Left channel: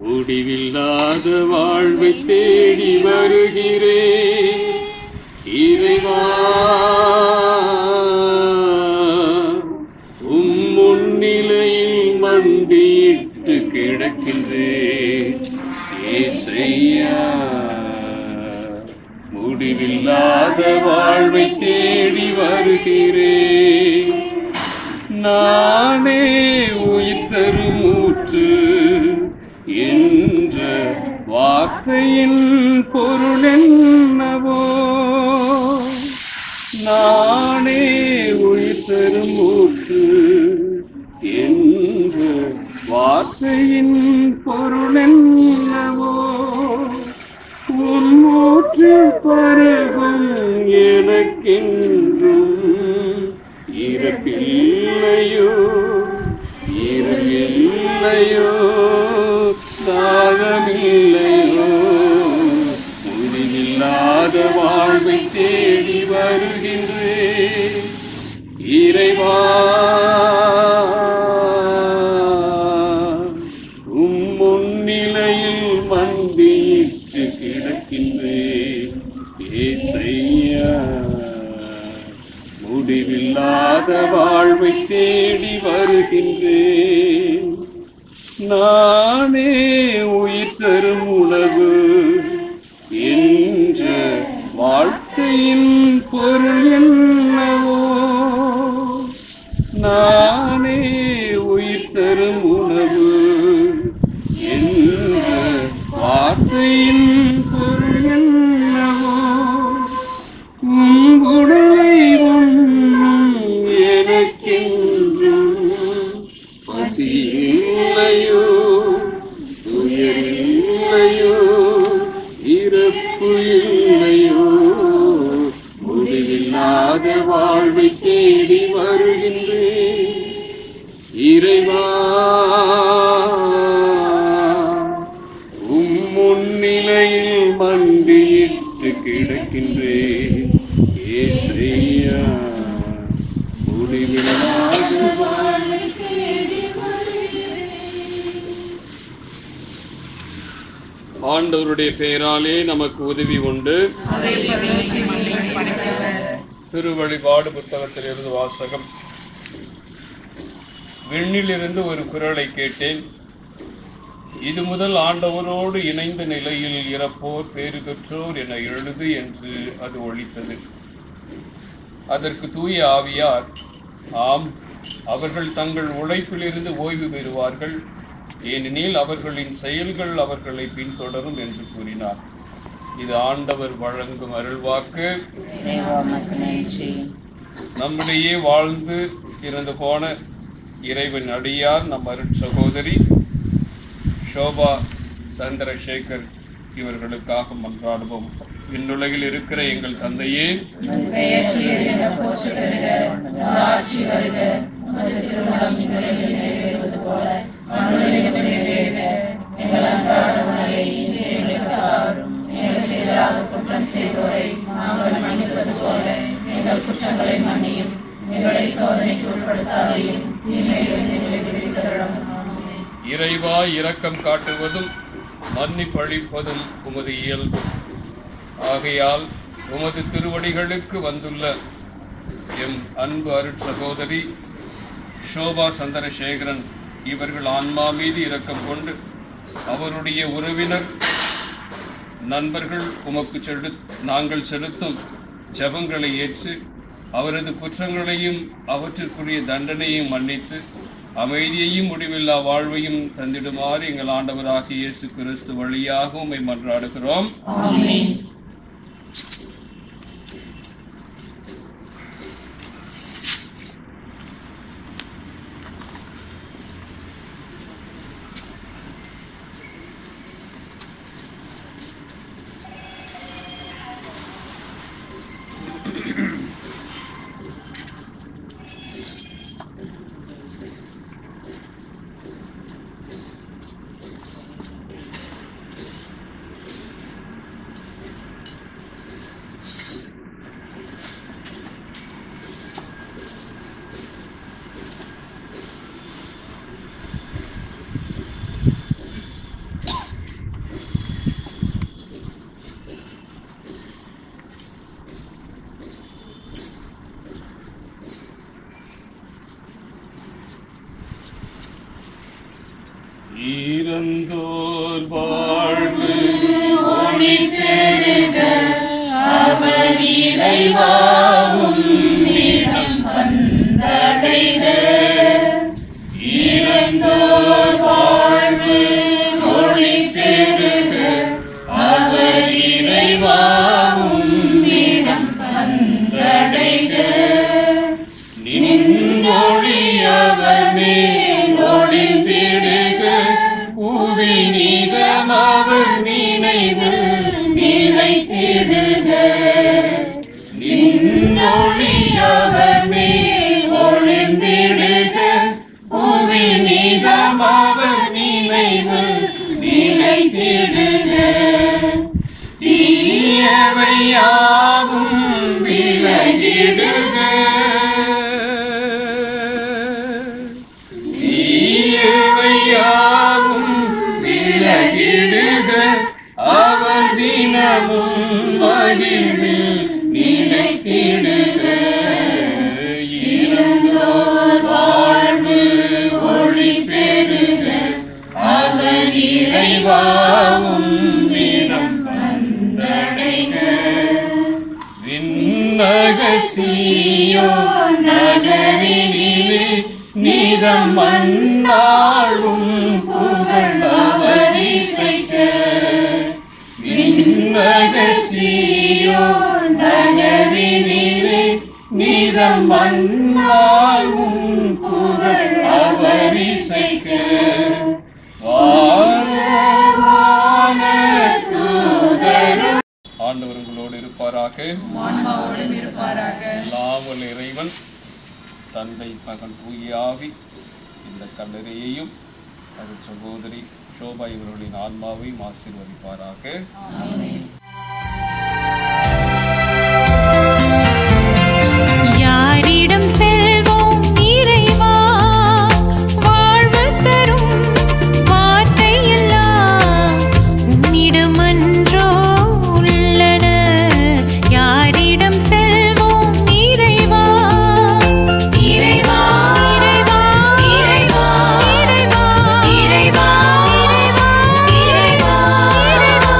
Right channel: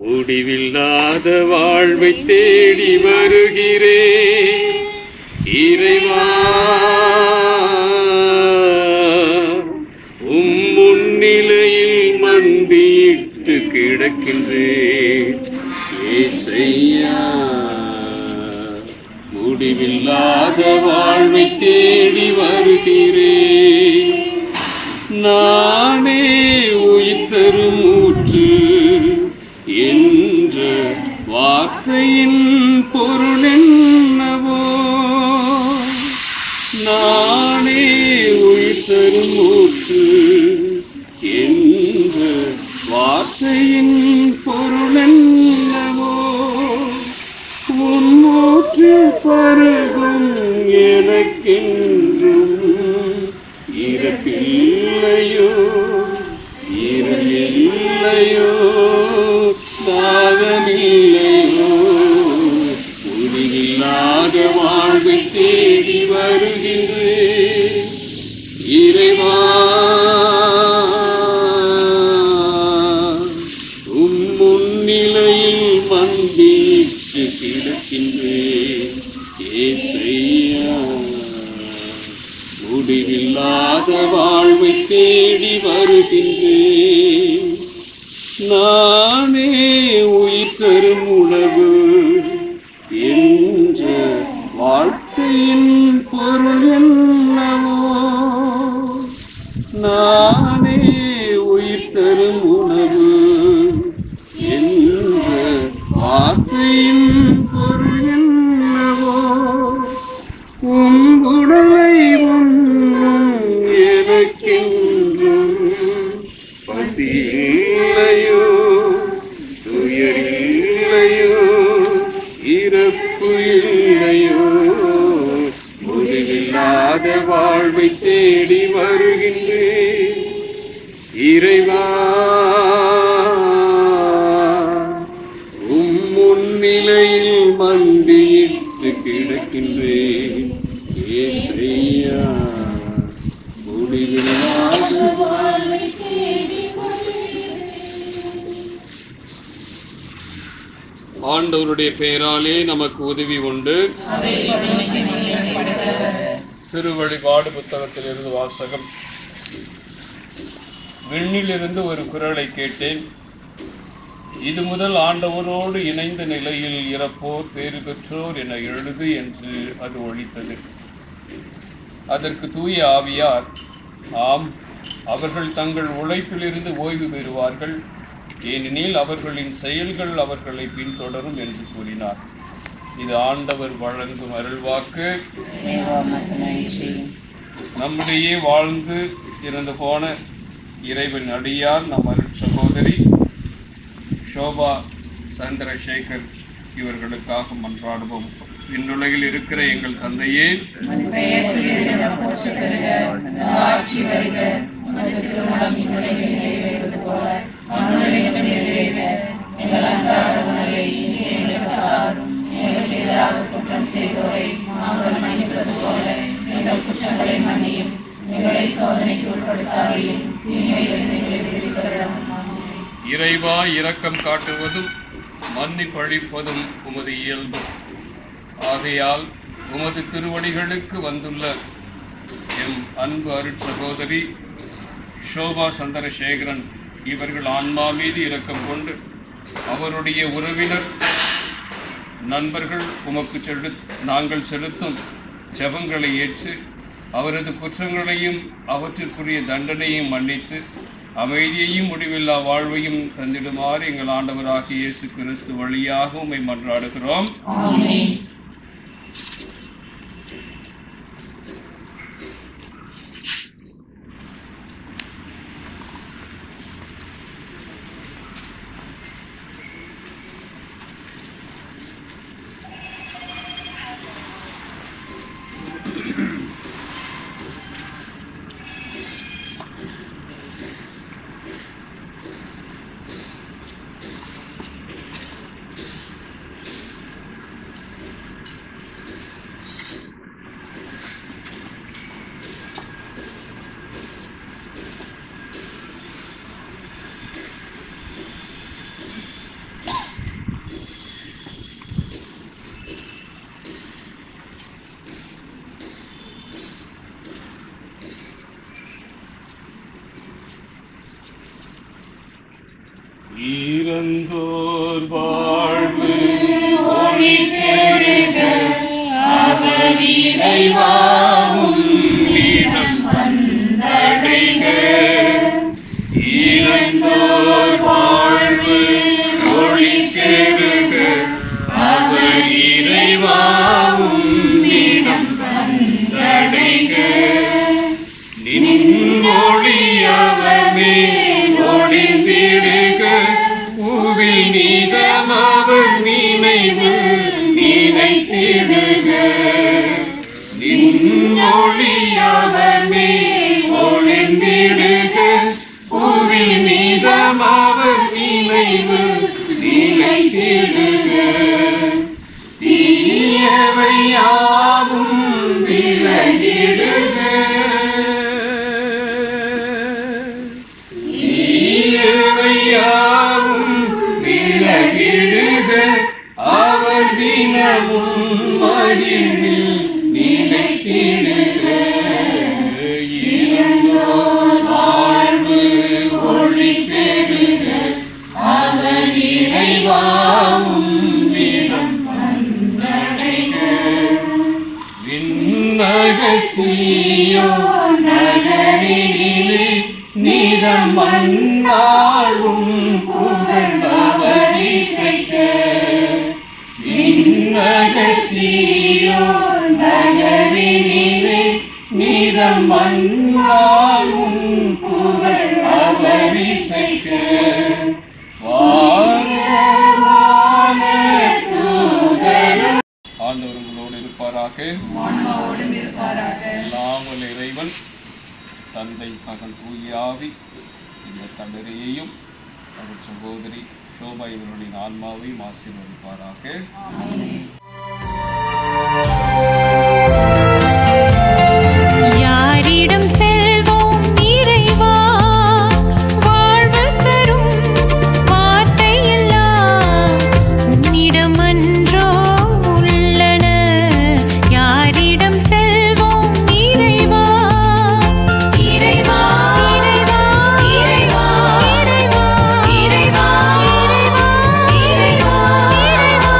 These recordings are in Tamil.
முடிவில்லாத வாழ்வை தேடி வருகிறேன் இறைவா, முன்னிலையில் மண்டியிட்டு கிடக்கின்றேன் ஏசையா. முடிவில்லாத வாழ்வை தேடி வருகிறேன், நானே உயிர் தரும் ஊற்று என்ற வார்த்தையின் பொருள் என்னவோ. நானே உயிர் தரும் ஊற்று என்ற வார்த்தையின் பொருள் என்னவோ. உன்னூற்று பருகும் எனக்கென்றும் இறப்பில்லையோ, இரவில்லையோ, தாகமில்லையோ. முடிவில்லாத வாழ்வை தேடி வருகிறேன் இறைவா, முன்னிலையில் மண்டியிட்டு கிடக்கின்றேன் ஏசையா. முடிவில்லாத வாழ்வை தேடி வருகின்றேன், நானே உயிர் தரும் உணவு என்ற வாழ்க்கையின் பொருள் என்னவோ. நானே உயிர் தரும் உணவு என்ற வார்த்தையின் பொருள் என்னவோ. உடலை எனக்கென்றும் பசியில்லையோ, துயரில்லையோ, இறப்பு இல்லையோ. முடிவில்லாத வாழ்வை தேடி வருகின்றேன் இறைவா, முன்னிலையில் மண்டியிட்டு கிடக்கின்றேன் ஏசையா. முடிவில்லாத வாழ்வை தேடி ஆண்டவருடைய பெயராலே நமக்கு உதவி உண்டு. திருவழிபாடு புத்தகத்திலிருந்து வாசகம். விண்ணிலிருந்து ஒரு குரலை கேட்டேன், இது முதல் ஆண்டவரோடு இணைந்த நிலையில் இறப்போர் பேறு பெற்றோர் என எழுது என்று அது ஒலித்தது. அதற்கு தூய ஆவியார், ஆம், அவர்கள் தங்கள் உழைப்பிலிருந்து ஓய்வு பெறுவார்கள், ஏனெனில் அவர்களின் செயல்கள் அவர்களை பின்தொடரும் என்று கூறினார். இது ஆண்டவர் வழங்கும் அருள்வாக்கு. நம்மிடையே வாழ்ந்து இறந்து போன இறைவன் அடியார் நம் அருட் சகோதரி ஷோபா சந்திரசேகர் இவர்களுக்காக மன்றாடுவோம். விண்ணுலகில் இருக்கிற எங்கள் தந்தையே, குற்றம் செய்வோரை நாங்கள் மன்னிப்பது போல எங்கள் குற்றங்களை மன்னியும், எங்களை சோதனைக்கு உட்படுத்தாதையும் தீமையிலிருந்து எங்களை விடுவித்தருளும். இறைவா, இரக்கம் காட்டுவதும் மன்னிப்பளிப்பதும் உமது இயல்பு. ஆகையால் உமது திருவடிகளுக்கு வந்துள்ள எம் அன்பு அருட் சகோதரி ஷோபா சந்திரசேகரன் இவர்கள் ஆன்மா மீது இரக்கம் கொண்டு அவருடைய உறவினர் நண்பர்கள் உமக்கு நாங்கள் செலுத்தும் ஜெபங்களை ஏற்று அவரது குற்றங்களையும் அவற்றிற்குரிய தண்டனையும் மன்னித்து அமைதியையும் முடிவில்லா வாழ்வையும் தந்திடுமாறு எங்கள் ஆண்டவராகிய இயேசு கிறிஸ்து வழியாக உம்மை மன்றாடுகிறோம். ஆமென். இறந்தோர் வாழ்வு ஒளி பெருக அவர் இறைவாவும் இடம் வந்தடைக. இறந்தோர் வாழ்வு ஒளி பெருக அவர் இறைவாவும் இடம் வந்தடைக. நின்னொழியவர் மேல் ஒளிந்திடுக புவி நீதமவர் நினைவு நினைத்திடுக. நின்னொழியவர் மேல் ஒளிந்திடுக புவி நீதமவர் நினைவு நினைத்திடுக. தீயவையாவும் விலகிடுக. தீயவையாவும் விலகிடுக. அவர் தினமும் மகிழ்வில் நிலைத்திடுக. இறந்தோர் வாழ்வு ஒளி பெருக அவர் இறைவாவும் இடம் வந்தடைக. விண்ணக சீயோன் நகரினிலே நீதம் மன்னாளும் புகழ் அவர் இசைக்க. விண்ணக சீயோன் நகரினிலே நீதம் மன்னாளும் புகழ் அவர் இசைக்க. ஆண்டவர் உங்களோடு இருப்பாராக. ஆன்மாவோடும் இருப்பாராக. எல்லாம் வல்ல இறைவன் தந்தை மகன் தூய ஆவி இந்த கல்லறையையும் அவள் சகோதரி சோபா இவர்களின் ஆன்மாவையும் ஆசீர்வதிப்பாராக. யாரிடம் செல்வோம் இறைவா, வாழ்வு தரும் வார்த்தை எல்லாம் உம்மிடம் அன்றோ உள்ளன. யாரிடம் செல்வோம் இறைவா, இறைவா, இறைவா, இறைவா, இறைவா, இறைவா, இறைவா, இறைவா.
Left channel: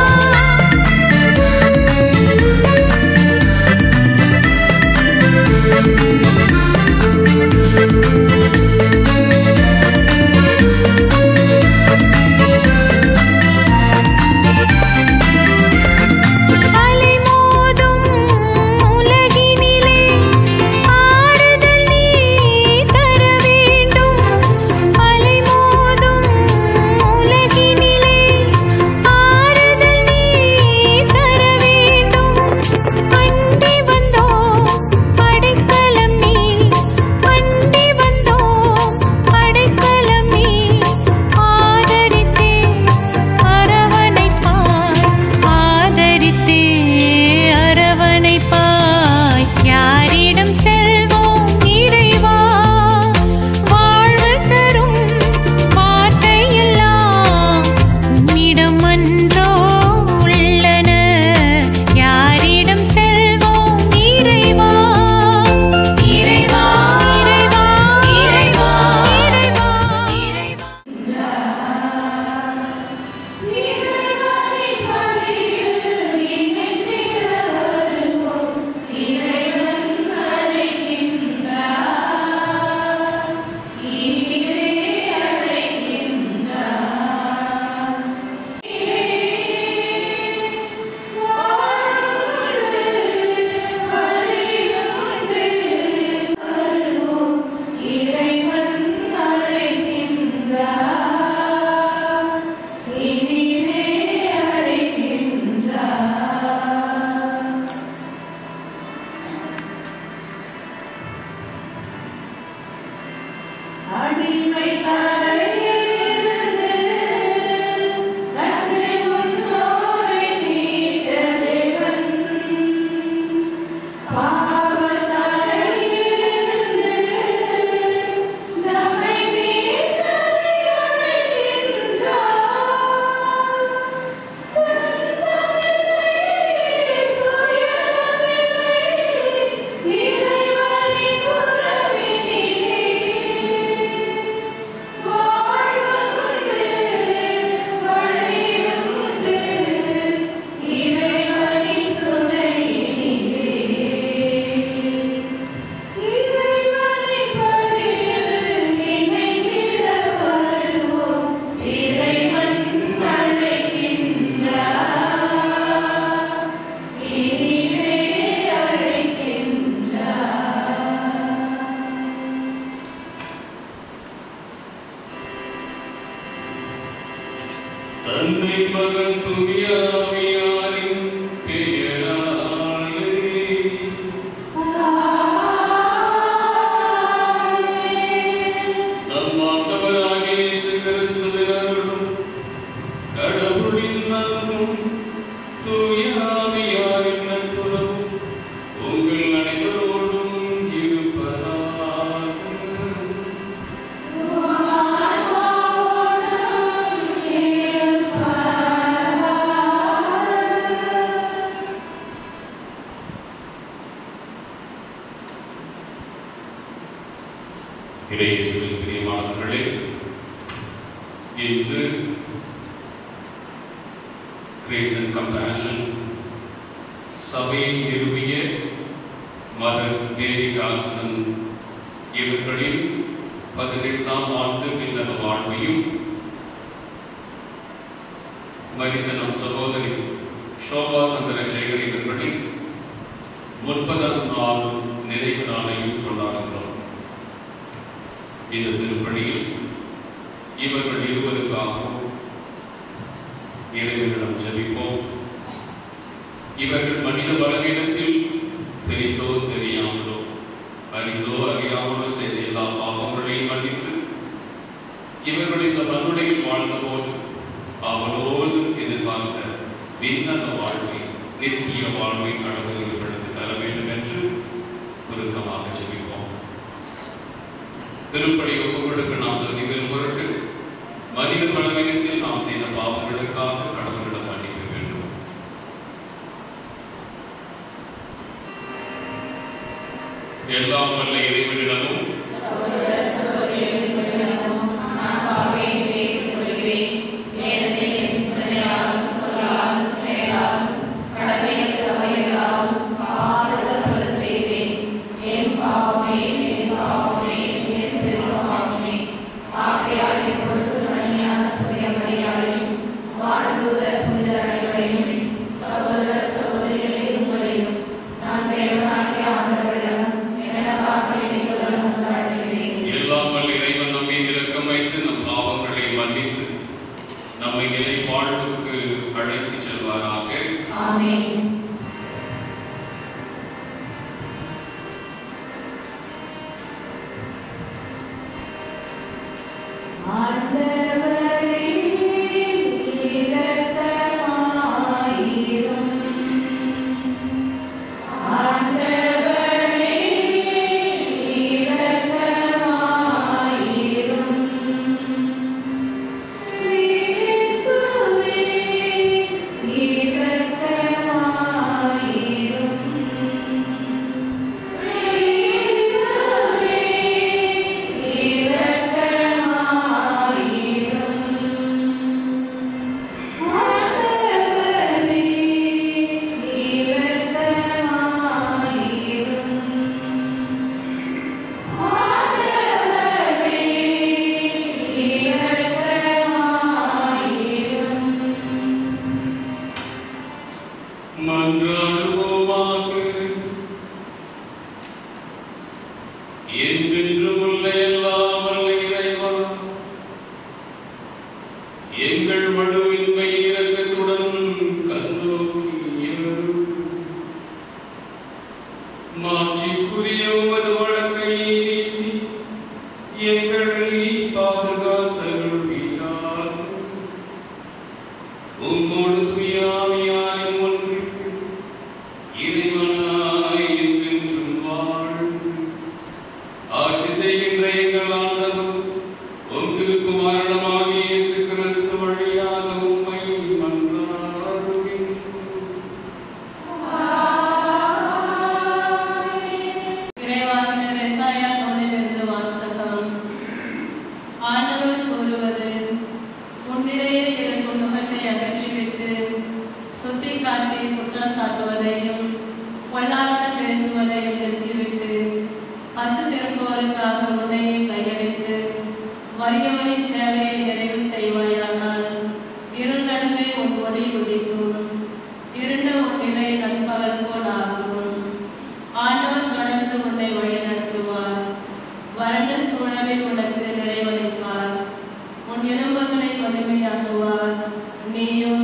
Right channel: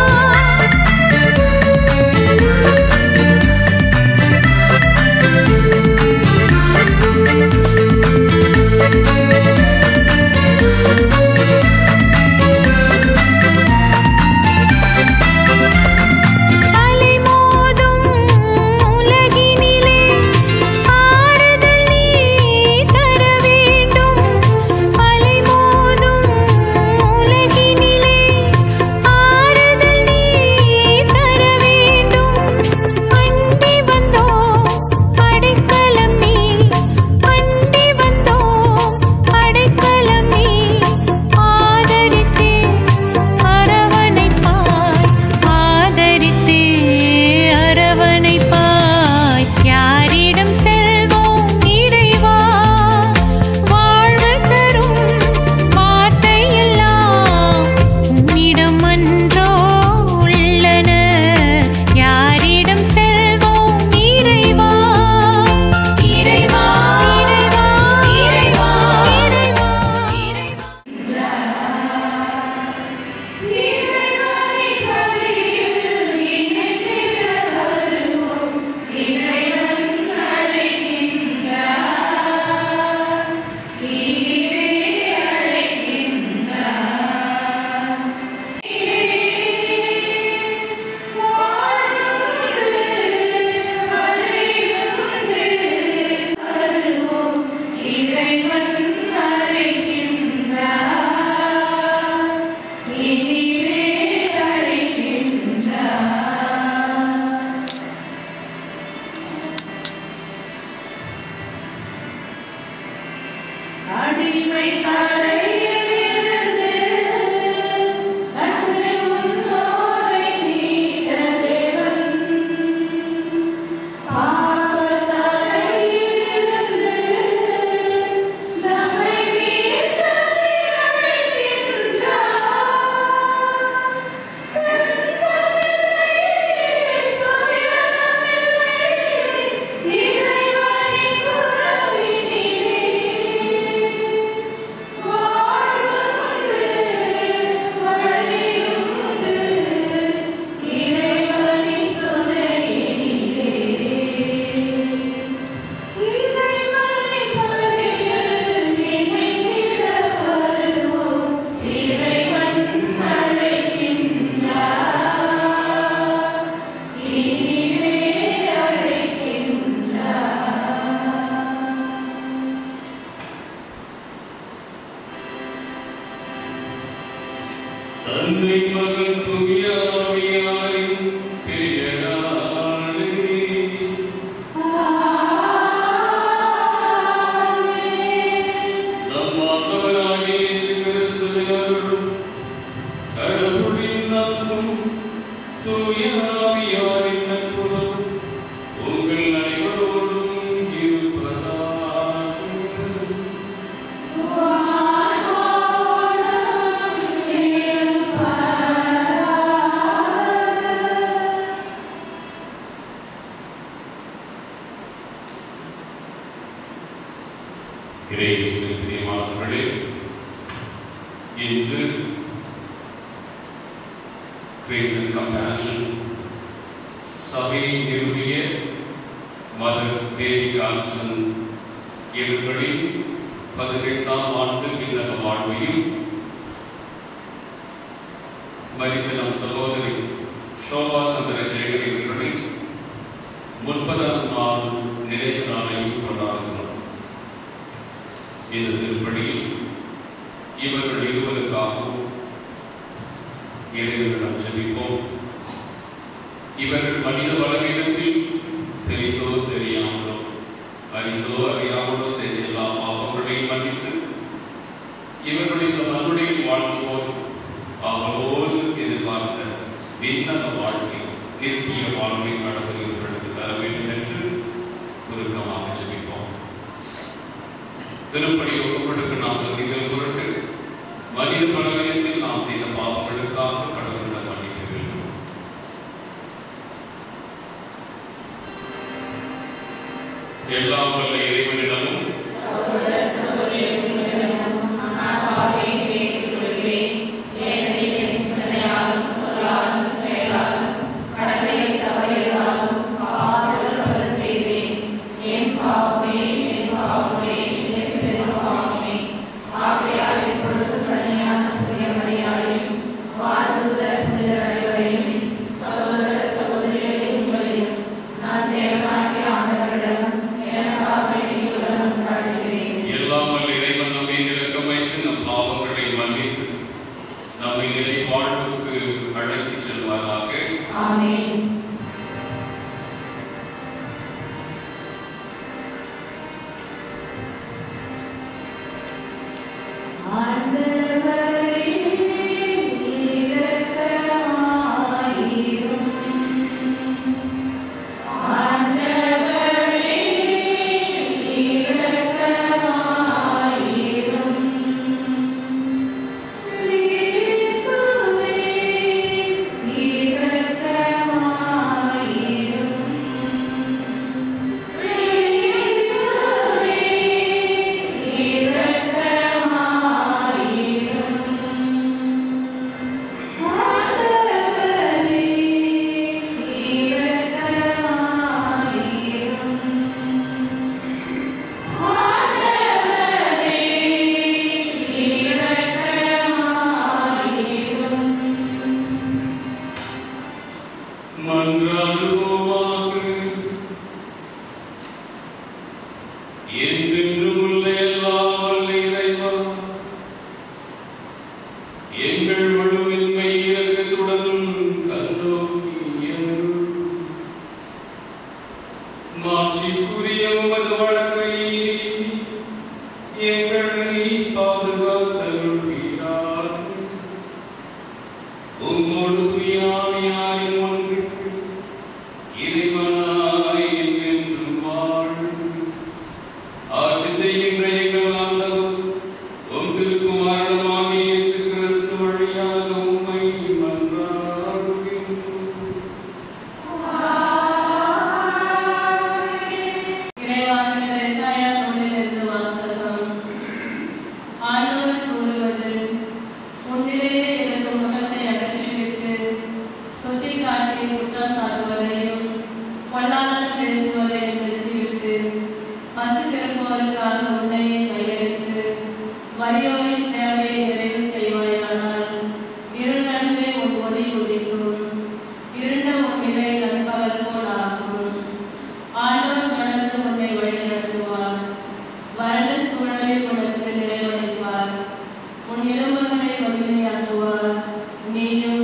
நீயும்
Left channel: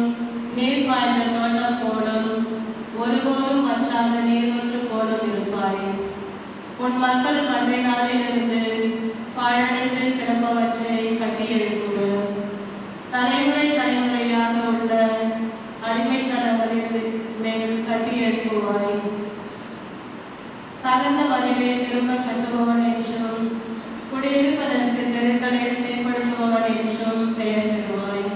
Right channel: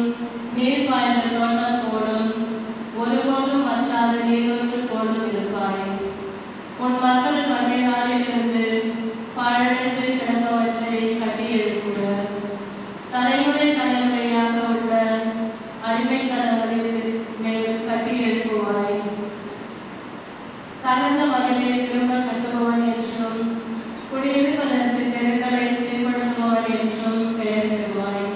நீர் பாய்ந்த தோட்டம் போலும் ஒருபோதும் வற்றாத நீரூற்று போலும் இருப்பாய். உன் மக்கள் பண்டை நாளிலிருந்து பாழடைந்து கிடப்பவற்றை கட்டி எழுப்புவர். தலைமுறை தலைமுறையாக உள்ள அடிமைத்தனங்களின் மேல் கட்டி எழுப்புவாய். தகுந்த வழியை திரும்ப கட்டுபவன் என்றும் குடியிருப்பதற்கு தெருக்களை சீர்படுத்துபவன் என்றும் பெயர் பெறுவாய்.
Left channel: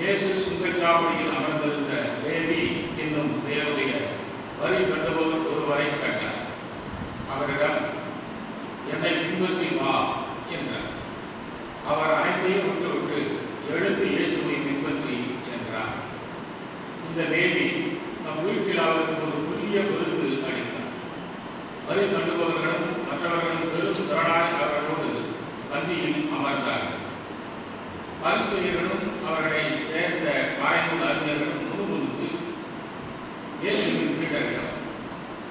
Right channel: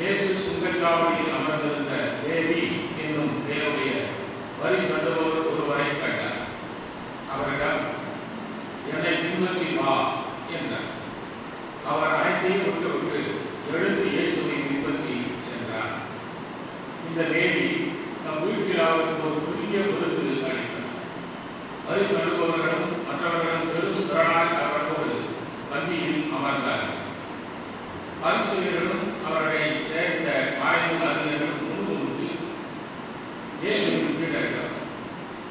இயேசு சுங்கச்சாவடியில் அமர்ந்திருந்த லேவி என்னும் பெயருடைய வரி கட்டுபவர் ஒருவரை கண்டார். அவரிடம், என்னை பின்பற்றி வா என்றார். அவர் அனைத்தையும் விட்டுவிட்டு எழுந்து இயேசுவை பின்பற்றி சென்றார். இந்த லேவி நம் வீட்டில் அவருக்கு ஒரு புதிய விருது அளித்தார். வரி கட்டுபவர்களும் மற்றவர்களும் பெரும் திரளாய் அவரோடு பந்தியில் அமர்ந்தார். பரிசேயர்களும் அவர்களை சேர்ந்த மறைநூல் அறிஞர்களும் முன்னின்று இயேசுவின் சீடர்கள்,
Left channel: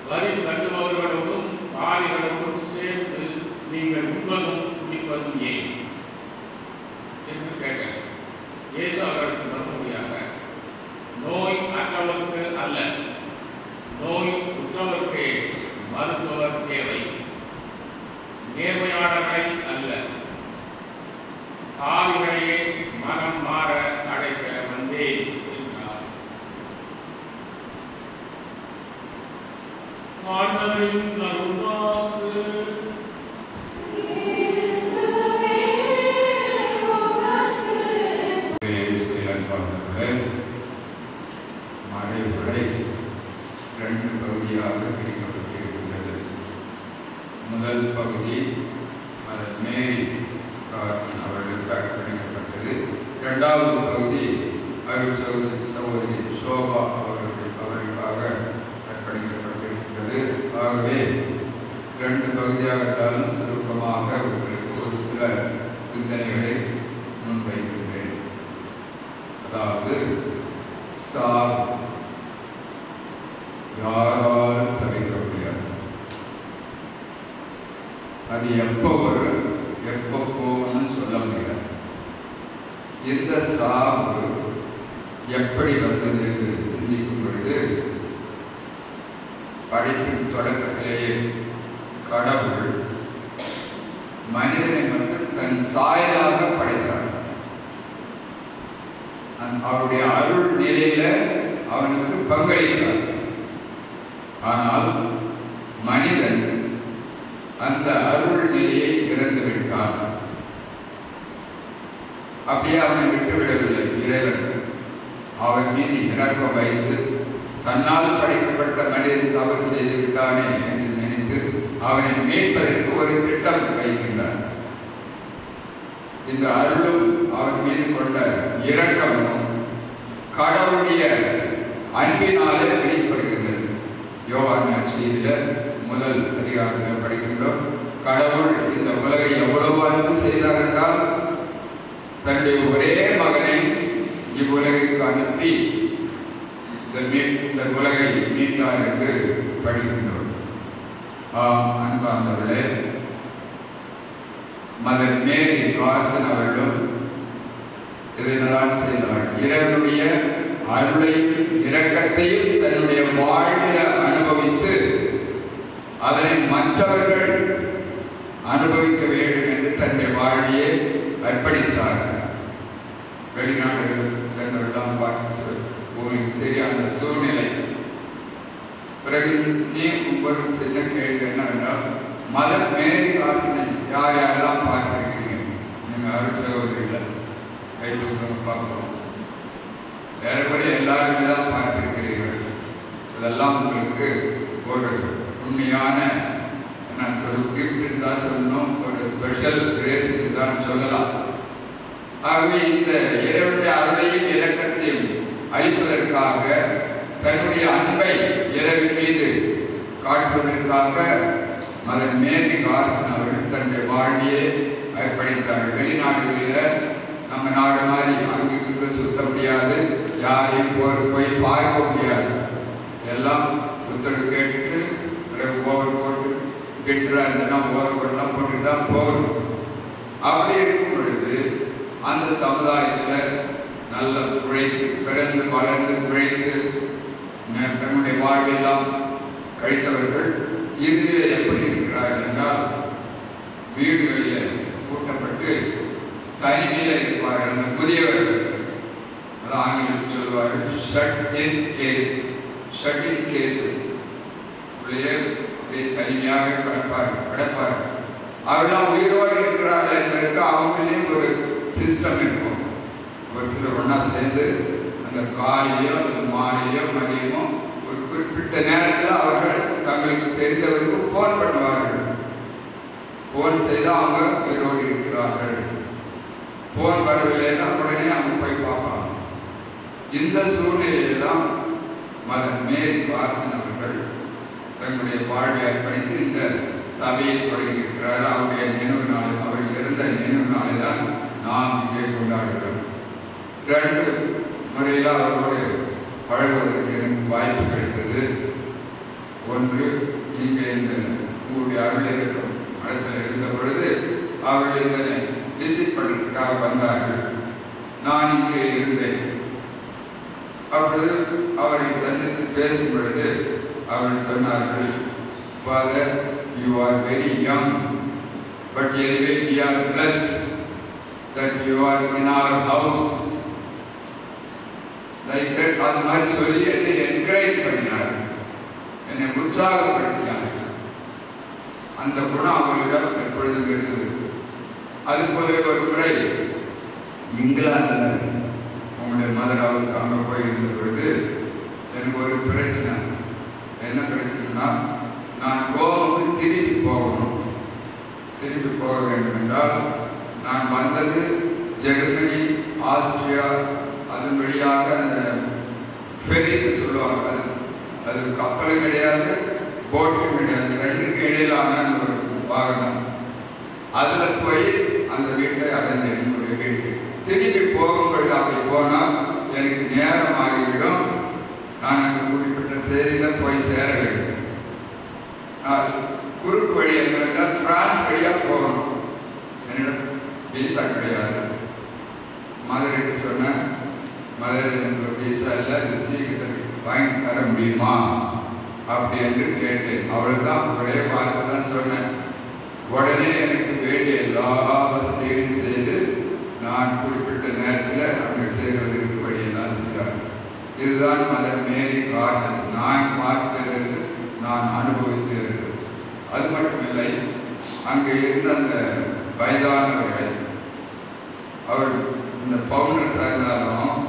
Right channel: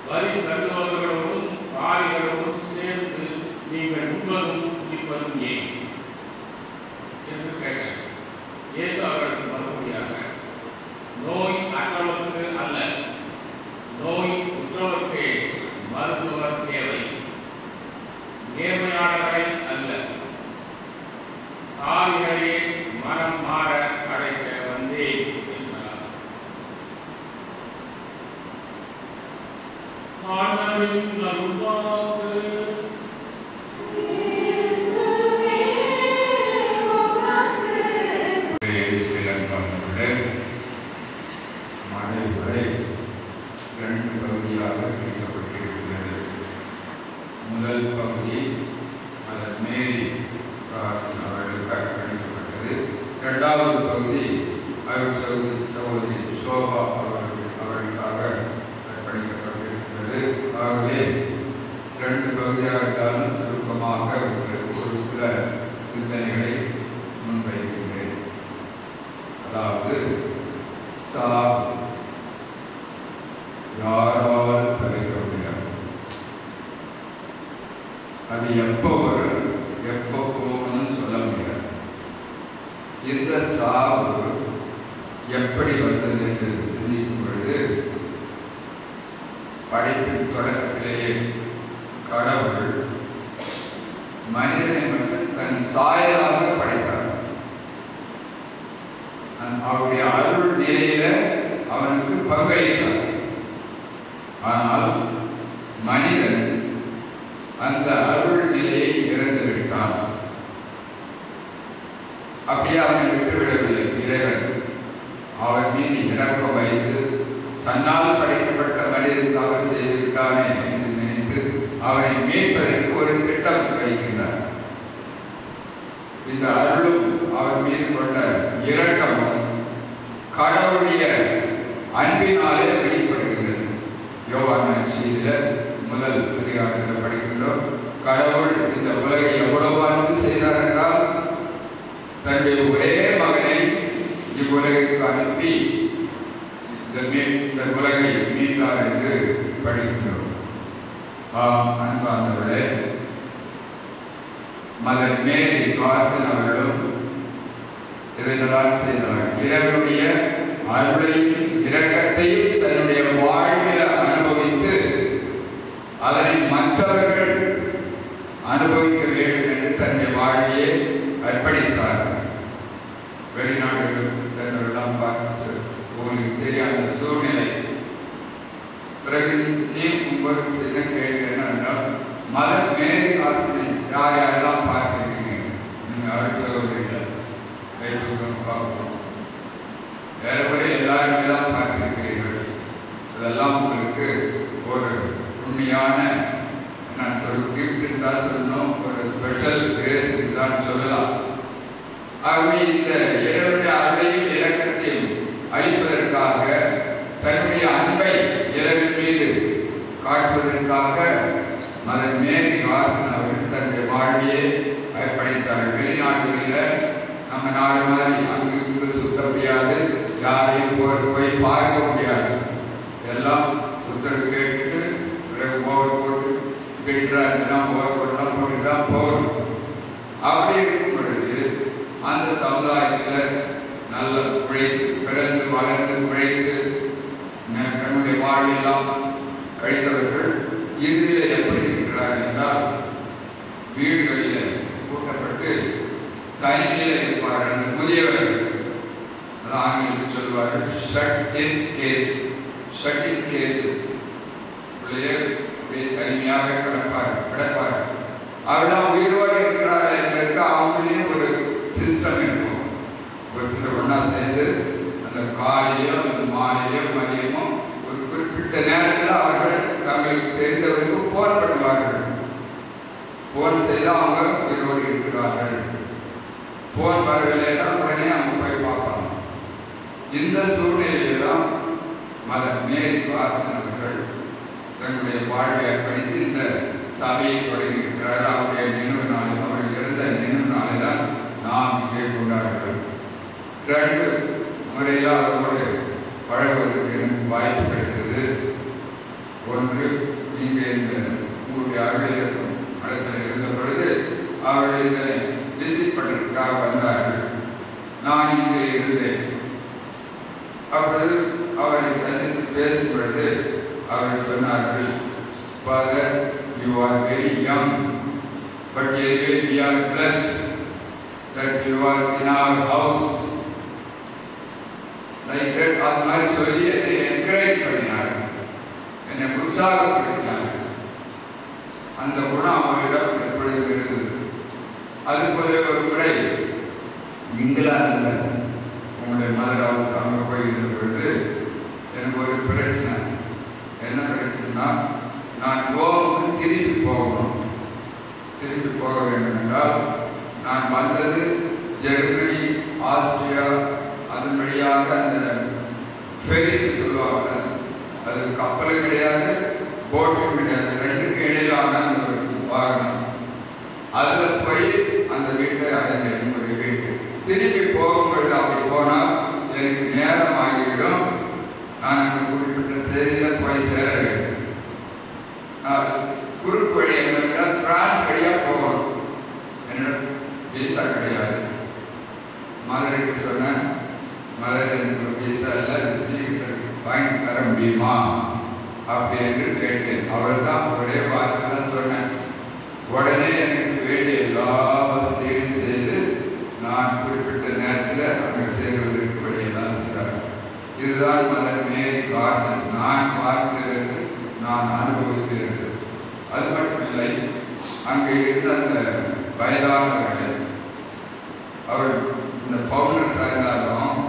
வரி கட்டுபவர்களோடும் பாவிகளோடும் சேர்ந்து நீங்கள் உண்பதும் குடிப்பதும் ஏன் என்று கேட்டார். இயேசு அவர்களுக்கு மறுமொழியாக, நோய் அற்றவருக்கு அல்ல, நோய் உற்றவர்க்கே மருத்துவர் தேவை, நேர்மையாளர்களை அல்ல, பாவிகளையே மனம் மாற அழைக்க வந்தேன் என்றார். ஆண்டவரின் அருள்வாக்கு. முதல் பகுதி மேரி அவர்களுக்கு அர்ப்பணிக்கப்பட்டது. இரண்டாவது பகுதி சகோதரி சோபா அவர்களுக்காக அர்ப்பணிக்கப்பட்டிருக்கிறது. ஆகவே இரண்டு பகுதியாகத்தாலும் சுருக்கமாக ஒரு சில சிந்தனைகளை முன்வைக்கின்றேன். அதாவது சாவு யாரால் தவிர்க்க முடியாது. அது எப்போ வரும் எப்போ போகும்னு சொல்ல முடியாது. இந்த சாவு எப்படி வந்தது என்று சிந்திக்கும் பொழுது, படைப்பின் தொடக்கத்திலேயே கடவுள் மனிதனை மட்டும் தன் சாயலாக படைத்தார். அவருடைய அருள் நிலையில அவனுக்கு பங்களித்தார். ஆனால் மனிதன் அந்த அருள் நிலையை இழந்து விட்டான். அப்படியே அவனை விட்டுவிடவில்லை. இறைவன் அவன் மீது இரக்கம் வைத்து தன்னால் படைக்கப்பட்ட மனிதன் தவறு செய்து விட்டானே என்று நினைத்து அவனை மீட்பதற்கு ஒரு திட்டம் வைக்கின்றார். இந்த அருளும் அவன் மீது கொண்ட இரக்கமும் கடவுளுடைய அன்பினாலே வெளிப்படுகின்றது. யோவான் நற்செய்தியில முதல் அதிகாரத்தில் படிக்கின்றோம். கடவுள் இந்த உலகை எவ்வளவு அன்பு செய்தார் என்றால் தன்னுடைய ஒரே மகனை இவ்வுலகிற்கு அனுப்பி இந்த உலகை மீட்டார் என்று படிக்கின்றோம். அன்பானவர்களே, மதர் மேரி வாசன் அவர்களும் இதனால் செய்தார். இறைவனுடைய அருளையும் இரக்கத்தையும் தன்னுடைய வாழ்வில் அனுபவித்து அதனை மற்றவர்கள் அனுபவிக்க வேண்டும் என்று தன்னுடைய வாழ்வையை அர்ப்பணித்தார். வெளிநாடுகள் சென்றவெல்லாம் பார்த்து உங்களுக்கு தெரியாத சூழ்நிலை. பிறகு ஒரு சின்ன கேள்வி என்னென்றால், மதர் மேரி வாசனை யார் யாரெல்லாம் பார்த்திருக்கீங்க? நீங்கள் அருட்சகோதரிகள் கைப்பூக்கம் பார்க்கணும். ஏறக்குறைய எல்லாருமே தான் பார்த்திருக்கிறீர்கள். இதெல்லாம் உங்களுக்கு ஒரு உண்மையான கிஃப்ட் என்றால் சொல்லணும், ஒரு ஸ்பெஷல் கிரேஸ் என்றால் சொல்லலாம். ஆகவே இந்த இறைவனுடைய அருளையும் இரக்கத்தையும் அளிப்பதற்காக தன்னுடைய அன்பை இறைவன் மீது காட்டுவதற்காக மதர் மேரி வாசன் அவர்கள் தன்னுடைய வாழ்வையை அர்ப்பணித்தார்கள். வெளிநாடுகளில் நம்ம நாடு மாதிரி அங்கு சுத்த முடியாது, யாரையும் போய் பார்க்க முடியாது. எல்லாம் சுத்தம் கேட்டுட்டு பிறகு ஓவர் போட்டு பெற்றா இதெல்லாம் ஓவர் போட்டுலாம் போட்டு தான் போகணும். அப்படி இருக்கும் பொழுது அந்த சமுதாயத்தில் நல்ல உழைத்து பிறந்து வளர்ந்து உழைத்து தன்னுடைய வாழ்வெல்லாம் கழித்தவர்கள் இறுதியில் எப்படி இருக்கிறார்கள் என்றால் வீடுகளில் கூட்டப்பட்டு தனிமையில் இருப்பார்கள். அந்த முதியவர்கள் ஆங்கிலத்தில் சொல்வார்கள் ஷட் இன் கேசஸ். தனிமையாக கிடப்பார்கள். அவர்கள் உயிரோடு இருக்கிறார்கள் என்பதற்கு அவங்களே ஒரு சிஸ்டம் இருக்கும். ஒரு சிலர் ஒன்றா சேர்ந்து அந்த காலையோ அந்த மாலையோ மதியமோ ஒரு குறிப்பிட்ட நேரத்தில் அவர்கள் தங்களுக்கு தெரிந்தவர்களுக்கு போன் பண்ணுவார்கள். போன் செய்தால் அவங்க உயிரோடு இருக்கிறார்கள். போன் வரவில்லைன்னா உடனே அவங்க போய் பார்ப்பாங்க. இந்த சூழ்நிலையில் தான் மேரி வாசன் அவர்கள் தங்களுடைய வாழ்வை அர்ப்பணித்து இந்த சபையை தொடங்கியிருக்கிறார்கள். அவருடைய நினைவு நாளில், அவர்கள் இருந்த நினைவு நாளை தான் நாம் இங்கே கொண்டாடுகிறோம். 2 முறையில் அவரோடு பழகுவதற்கு எனக்கு வாய்ப்பு கிடைத்தது. ஒன்று, நீங்கள் இந்த உங்களுடைய அலுவலகம் இடத்தில் இருந்த பொழுது அவர்கள் இதனை விசிட் பண்ணுறதுக்காக வந்தார்கள். நான் இங்கே இருந்தேன். அப்பொழுது அவரை சந்தித்து பேசும் பொழுது அவர்கள் சொன்னார்கள், father, you are very young, but anyway we are blessed that you are in our house. Like that, அது மாதிரி சொல்லி என்னை என்கரேஜ் பண்ணினார், என்னை உற்சாகப்படுத்தினார். அந்த குணம் அவர்களிடம் எப்பொழுதும் இருந்தது. அதுபோல ஒரு முறை இங்கிலாந்து உங்களுடைய மதர் ஹவுஸ் அங்கே போய் இருந்த பொழுது எனக்கு ஒரு பிரச்சனை. என்ன பிரச்சனைனா, நான் கோவாவுக்கு திரும்பி போகணும். திரும்பி போக வேண்டும் என்றால் நான் வந்தது ஜெர்மனி, ஆஸ்திரியா, அதன் வழியாக அந்த ஃபெரிக்கு சொல்லுவாங்க. அது கப்பலும் கிடையாது, போட்டும் கிடையாது, ரெண்டுக்கு இடையிலான அந்த ஒரு வாகனம். அதில் போய் அந்த வீட்டை அடைஞ்சேன், என்னுடைய வீட்டு. திரும்பி போகும்பொழுது அப்படி போனால் எனக்கு நேரம் ஆகிவிடும். நான் அங்கே குறிப்பிட்ட தேதியில் போய் சேர வேண்டும். குறுக்கு வழி என்றால் பிரான்ஸ் வழியாக போகணும். என்னிடம் வீசா கிடையாது. மதுரைக்கு சொன்னேன், மதுரை எனக்கு வீசா இல்லை, சீக்கிரம் வாங்கி தர முடியுமா அப்படி என்று கேட்டேன். அவ்வளோதான், ஒரே வார்த்தை தான் சொன்னேன். உடனே எனக்கு வேண்டிய எல்லா வசதிகளையும் செய்து நான் குறிப்பிட்ட நேரத்தில் அங்கே சேர்வதற்கு வழியெல்லாம் செய்தார். இதுதான் மதர் மேரி வாசன் நான் பார்த்திருந்து, நான் அனுபவித்திருந்தது. அது மட்டுமில்லை, அங்கே இருந்த அந்த வயதானவர்கள், அவர் இந்த பவுண்டர்ஸாக இருந்தாலும்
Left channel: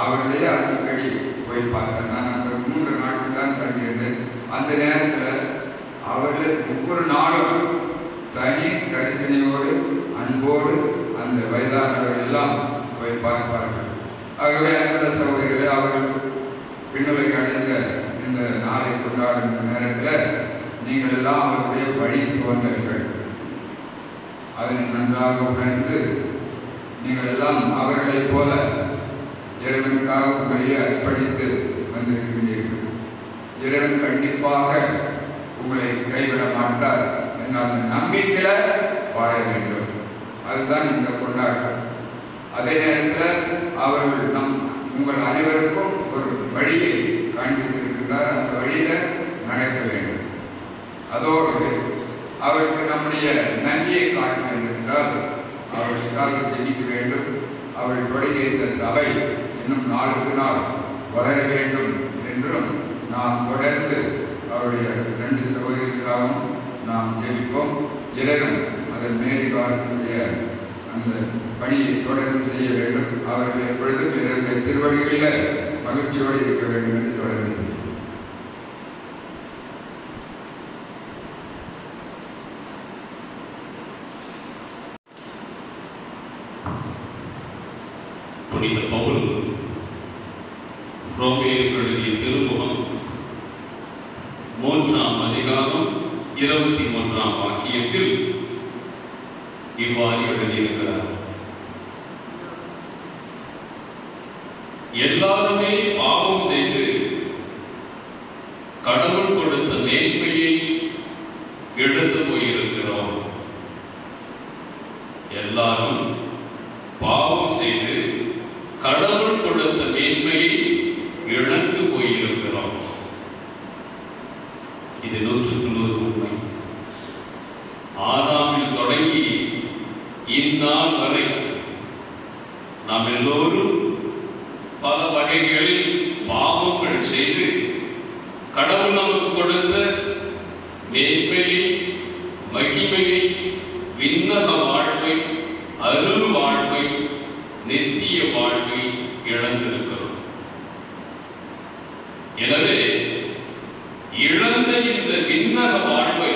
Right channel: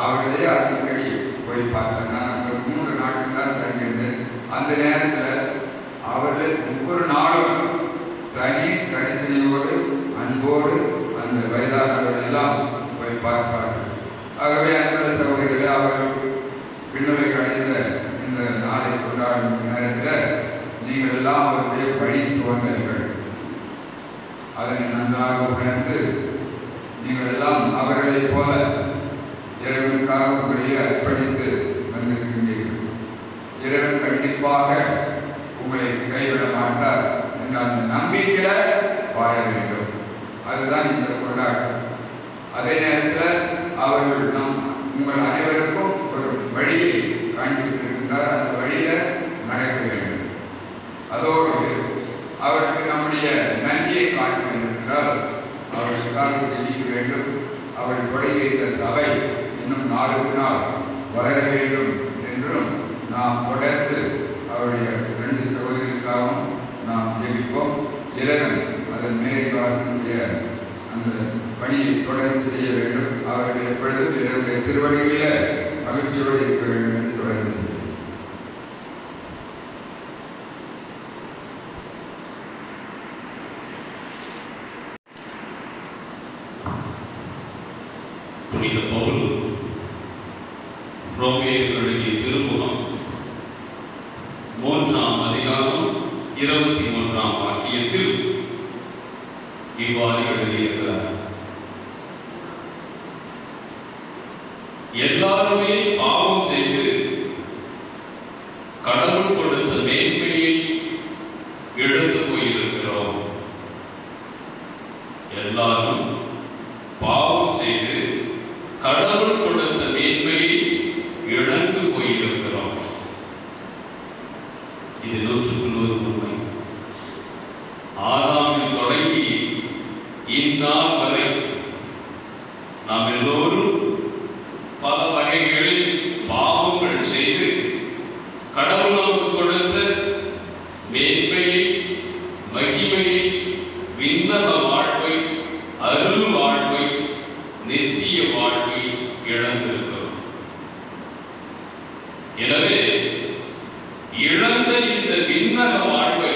அவர்களே அடிக்கடி போய் பார்த்தேன். நான் அங்கே 3 நாட்கள் தான் தங்கியிருந்தேன். அந்த நேரத்தில் அவர்கள் ஒவ்வொரு நாளும் தனி கரிசனையோடு அன்போடு அந்த வயதானவர்கள் எல்லாம் போய் பார்ப்பார்கள். ஆகவே அந்த சகோதரர்களே, அவர்கள் விண்ணுலகை அடைந்த இந்த நாளை கொண்டாடும் நேரத்தில் நீங்கள் எல்லாம் அவருடைய வழி தோன்றல்கள். அதனை நன்றாக உணர்ந்து நீங்கள் எல்லாம் அவர்களைப் போல இறைவனுக்காக உங்களையே அர்ப்பணித்து வந்திருக்கின்றீர்கள். இறைவன் கண்டிப்பாக உங்களை கைவிட மாட்டார் என்ற அந்த நம்பிக்கையில வாழ வேண்டும். அதுதான் இந்த கொண்டாட்டம். அதே நேரத்தில் அவர்கள் உங்கள் அனைவருக்கும் ஒரு வழியை காண்பித்திருக்கிறார். அந்த வழியில நடக்க வேண்டும். அதோடு அவருக்கு நம்முடைய நன்றியை காட்ட வேண்டும் என்றால் அவர்களுக்காக ஜெபிக்க வேண்டும். அவர்கள் தொடங்கிய இந்த சபை இன்னும் நாளுக்கு நாள் வளர வேண்டும் என்றும் நாம் தொடர்ந்து அவருடைய 2 சகோதரிகளுக்காகவும் நாம் ஜெபிப்போம். இறைவன் அதன் மேரி வாசனுடைய அந்த பணியை தொடர்ந்து செய்ய வேண்டும். அவர்கள் எப்பொழுதும் இறைவனுடைய திருவடிகளிலே மகிழ்ச்சியோடு இருக்க வேண்டும் என்று தொடர்ந்து செய்யும். புனித பவுல் ரோமேயர்களுடைய திருமுகம் 3ஆம் அதிகாரம் 23ஆம் வாக்கியத்தில் இவ்வாறு எழுதியிருக்கிறார். எல்லாருமே பாவம் செய்து கடவுள் கொடுத்த மேன்மையை இழந்து போயிருக்கிறோம். எல்லாரும் பாவம் செய்து கடவுள் கொடுத்த மேன்மையை இழந்து போயிருக்கிறோம். இது 100% உண்மை. ஆதாமில் தொடங்கி இந்நாள் வரை நாம் எல்லோரும் பல வகைகளில் பாவங்கள் செய்து கடவுள் நமக்கு கொடுத்த மேன்மையை, மகிமையை, விண்ணக வாழ்வை, அருள் வாழ்வை, நித்திய வாழ்வை எனவே இழந்த இந்த விண்ணக வாழ்வை,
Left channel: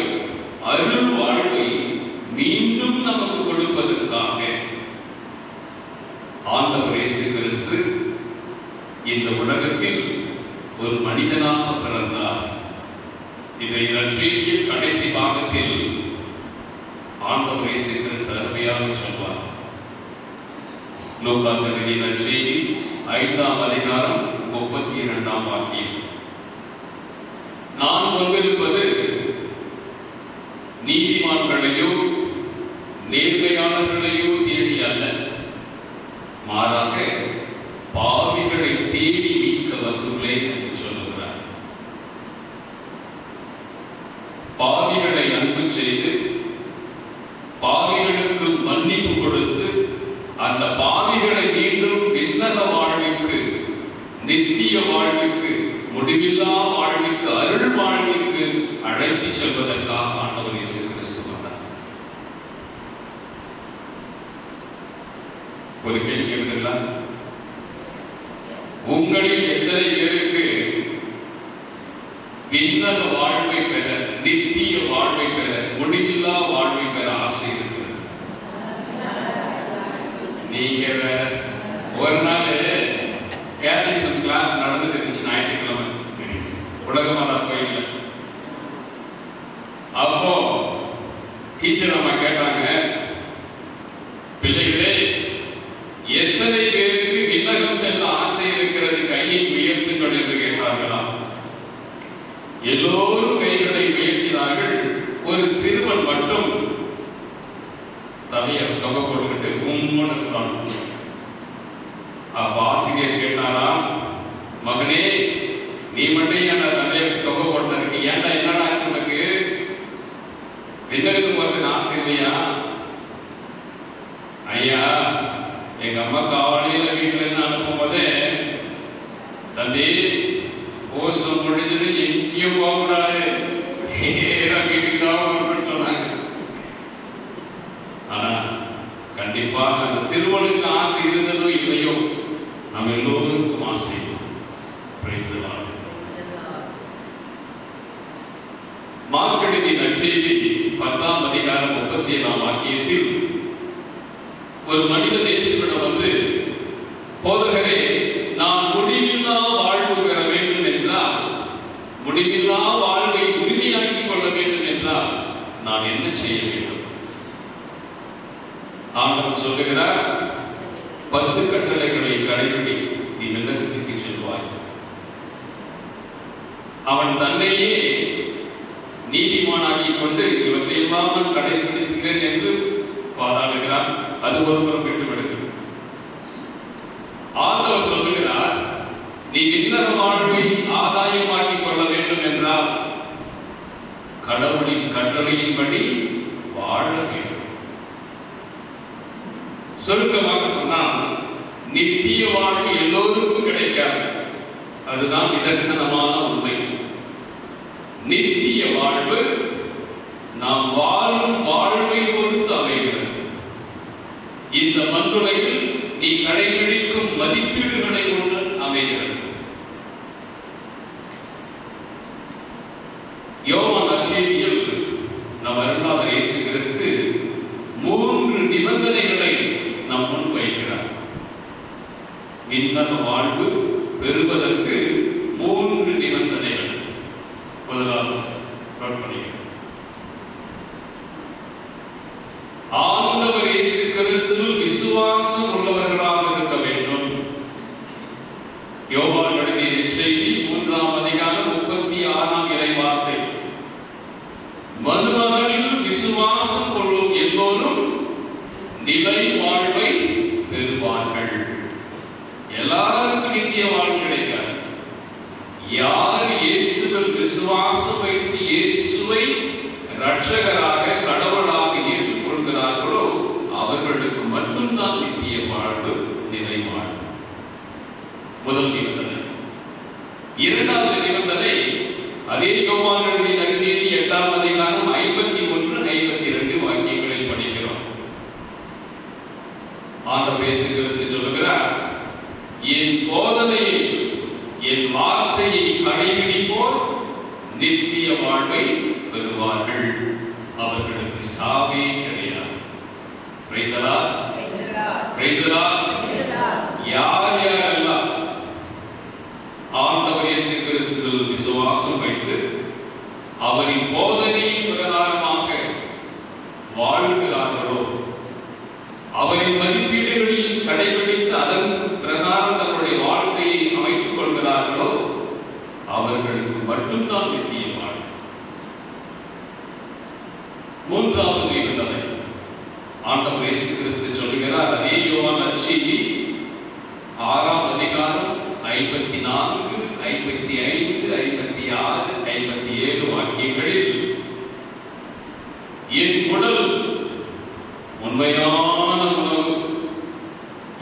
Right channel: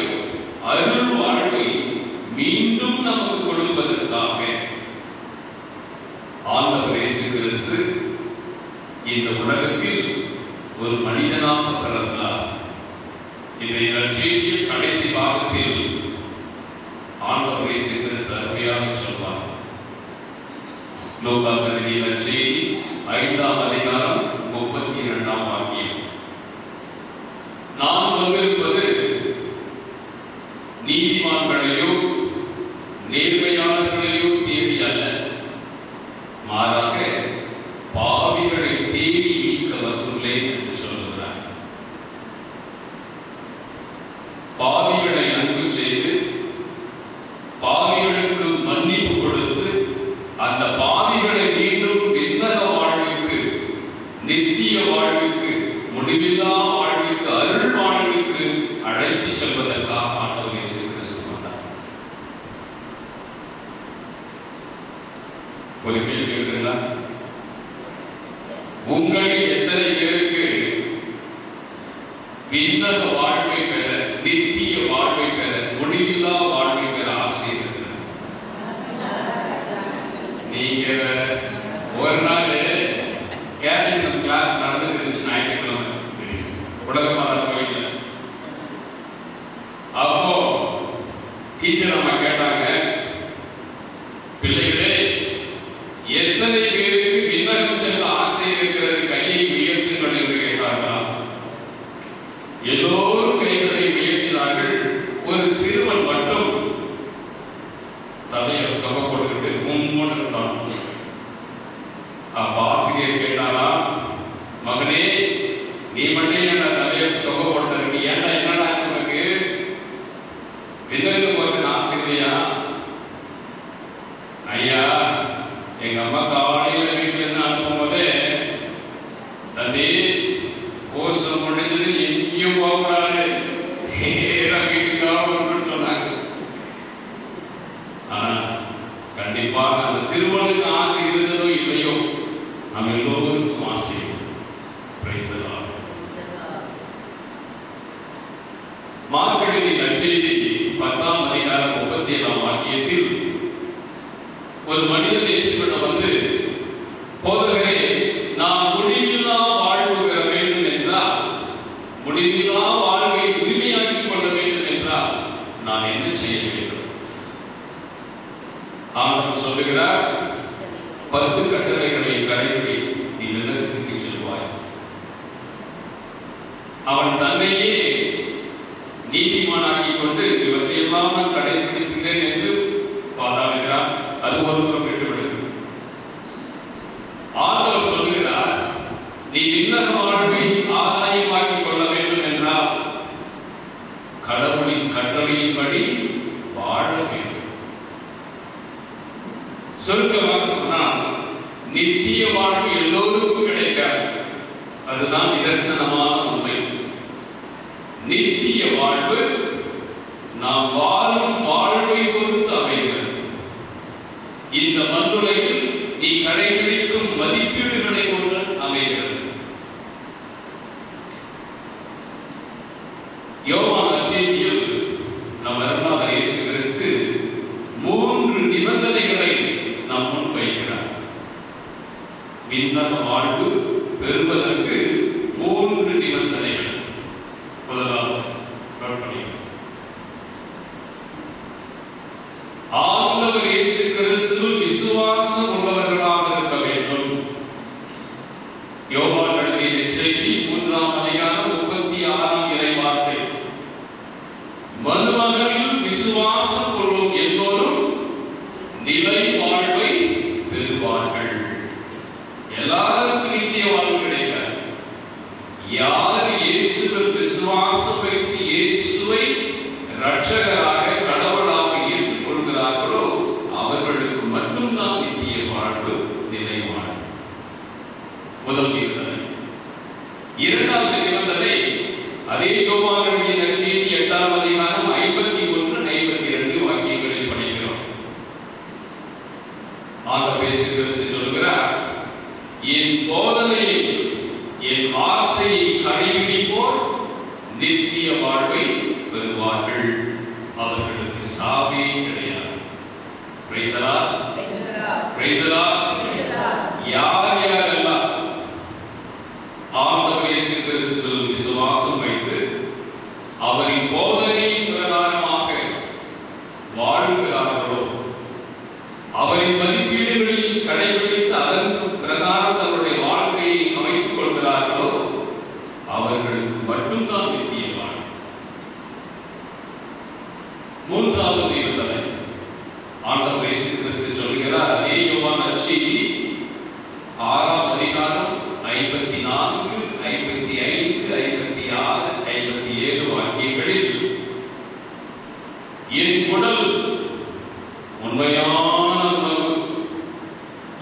அருள் வாழ்வை மீண்டும் நமக்கு கொடுப்பதற்காக ஆண்டவர் இயேசு கிறிஸ்து இந்த உலகத்தில் ஒரு மனிதனாக பிறந்தார். இதை நற்செய்தியின் கடைசி பாகத்தில் ஆண்டவர் இயேசு கிறிஸ்து அருமையாக சொல்வார். லூக்கா எழுதிய நற்செய்தி 5ஆம் அதிகாரம் 32ஆம் வாக்கியம். நான் வந்திருப்பது நீதிமான்களையோ நேர்மையாளர்களையோ தேடி அல்ல, மாறாக பாவிகளை தேடி மீட்க வந்துள்ளேன் என்று சொல்கிறார். பாவிகளை அன்பு செய்து பாவிகளுக்கு மன்னிப்பு கொடுத்து அந்த பாவிகளை மீண்டும் விண்ணக வாழ்வுக்கு, நித்திய வாழ்வுக்கு, முடிவில்லா வாழ்வுக்கு, அருள் வாழ்வுக்கு அழைத்து செல்வதற்காக ஆண்டவர் இயேசு கிறிஸ்து வந்தார். ஒரு கேள்வி கேட்கிறீங்களா? உங்களில் எத்தனை பேருக்கு விண்ணக வாழ்வை பெற, நித்திய வாழ்வை பெற, முடிவில்லா வாழ்வை பெற ஆசை இருக்கிறது? நீங்க ஒரு நாள் கேட்டலிசம் கிளாஸ் நடந்துட்டு இருந்துச்சு ஞாயிற்றுக்கிழமை உலகமாத கோயில்ல. அப்போ டீச்சர் அம்மா கேட்டாங்க, பிள்ளைகளே எத்தனை பேருக்கு விண்ணகம் செல்ல ஆசை இருக்கிறது, கையை உயர்த்துங்கள் என்று கேட்டார்களா? எல்லோரும் கைகளை உயர்த்தினார்கள். ஒரு சிறுவன் மட்டும் தலையை கவ கொடுத்துட்டு உண்மன் இருந்தான். அப்ப ஆசிரியர் கேட்டாரா, மகனே நீ மட்டும் என்ன தலையை கவ கொடுத்ததுக்கு ஏன்டா என்னடா உனக்கு விண்ணகம் போறது ஆசை இல்லையா? ஐயா, எங்க அம்மா காலையில வீட்டுல இருந்து அனுப்பும் போதே தம்பி கோஷம் முடிஞ்சது எங்கேயும் போகக்கூடாது, வீட்டுக்கு தான் சொன்னாங்க. ஆனா கண்டிப்பாக அந்த சிறுவனுக்கு ஆசை இருந்ததோ இல்லையோ, நம்ம எல்லோருக்கும் ஆசை. மார்க்கெட்டின் நற்செய்தி 10ஆம் அதிகாரம் 37ஆம் வாக்கியத்தில் ஒரு மனிதன் இயேசுவிடம் வந்து, போதகரே, நான் முடிவில்லா வாழ்வு பெற வேண்டும் என்றால், முடிவில்லா வாழ்வை உரிமையாக்கிக் கொள்ள வேண்டும் என்றால் நான் என்ன செய்ய வேண்டும்? ஆண்டவர் சொல்லுகிறார், 10 கட்டளைகளை கடைபிடி, நீ நிலத்துக்கு செல்வாய். அவன் தன்னையே நீதிமானாக்கிக் கொண்டு இவற்றையெல்லாம் நான் கடைபிடிக்கிறேன் என்று பாராளுகிறார். அது ஒருவர் விட்டுவிடுகிறது. ஆண்டவர் சொல்லுகிறார், நீ விண்ணக வாழ்வை ஆதாயமாக்கிக் கொள்ள வேண்டும் என்றால் கடவுளின் கட்டளையின்படி வாழ வேண்டும். சுருக்கமாக சொன்னால், நித்திய வாழ்வு எல்லோருக்கும் கிடைக்காது. அதுதான் நிதர்சனமான உண்மை. நித்திய வாழ்வு நாம் வாழும் வாழ்வை பொறுத்து அமைகிறது. இந்த மண்ணுலகில் நீ கடைபிடிக்கும் மதிப்பீடுகளை கொண்டு அமைகிறது. யோவான் நற்செய்தியில் நம் அருளாளர் இயேசு கிறிஸ்து 3 நிபந்தனைகளை நாம் முன்வைக்கிறார். விண்ணக வாழ்வு பெறுவதற்கு 3 நிபந்தனைகள். முதலாவது ஆண்டவர் இயேசு கிறிஸ்துவில் விசுவாசம் உள்ளவர்களாக இருக்க வேண்டும். யோவான் எழுதிய நற்செய்தி 3ஆம் அதிகாரம் 36ஆம் இறைவார்த்தை, மறுமகனில் விசுவாசம் கொள்ளும் எல்லோரும் நிலை வாழ்வை பெறுவார்கள். எல்லாருக்கும் நித்திய வாழ்வு கிடைக்காது. யார் இயேசுவில் விசுவாசம் வைத்து இயேசுவை இரட்சகராக கடவுளாக ஏற்றுக்கொள்கிறார்களோ அவர்களுக்கு மட்டும்தான் நித்திய வாழ்வு, நிலை வாழ்வு. முதல் நிபந்தனை. இரண்டாவது நிபந்தனை, அதே யோவான் எழுதிய நற்செய்தி 8ஆம் அதிகாரம் 51, 52 வாக்கியங்களில் படிக்கிறோம். ஆண்டவர் இயேசு கிறிஸ்து சொல்கிறார், என் போதனையை என் வார்த்தையை கடைபிடிப்போர் நித்திய வாழ்வை பெறுவார்கள், அவர்களுக்கு சாவே கிடையாது. Praise the Lord. Praise the Lord. யார் யாரெல்லாம் ஆண்டவர் இயேசு கிறிஸ்துவில் விசுவாசம் வைத்து அவரின் போதனையின் பிரகாரமாக வாழ்கிறார்களோ, அவரின் மதிப்பீடுகளில் கடைபிடித்து அதன் பிரகாரம் தன்னுடைய வாழ்க்கையை அமைத்துக் கொள்கிறார்களோ, அவர்களுக்கு மட்டும்தான் நித்திய வாழ்வு. மூன்றாவது இருந்ததை ஆண்டவர் இயேசு கிறிஸ்து சொல்கிறார். அதே யோவான் நற்செய்தி 6ஆம் அதிகாரம் 54, 55, 56, 57 வாக்கியங்களில், என் உடல் உண்மையான உணவு,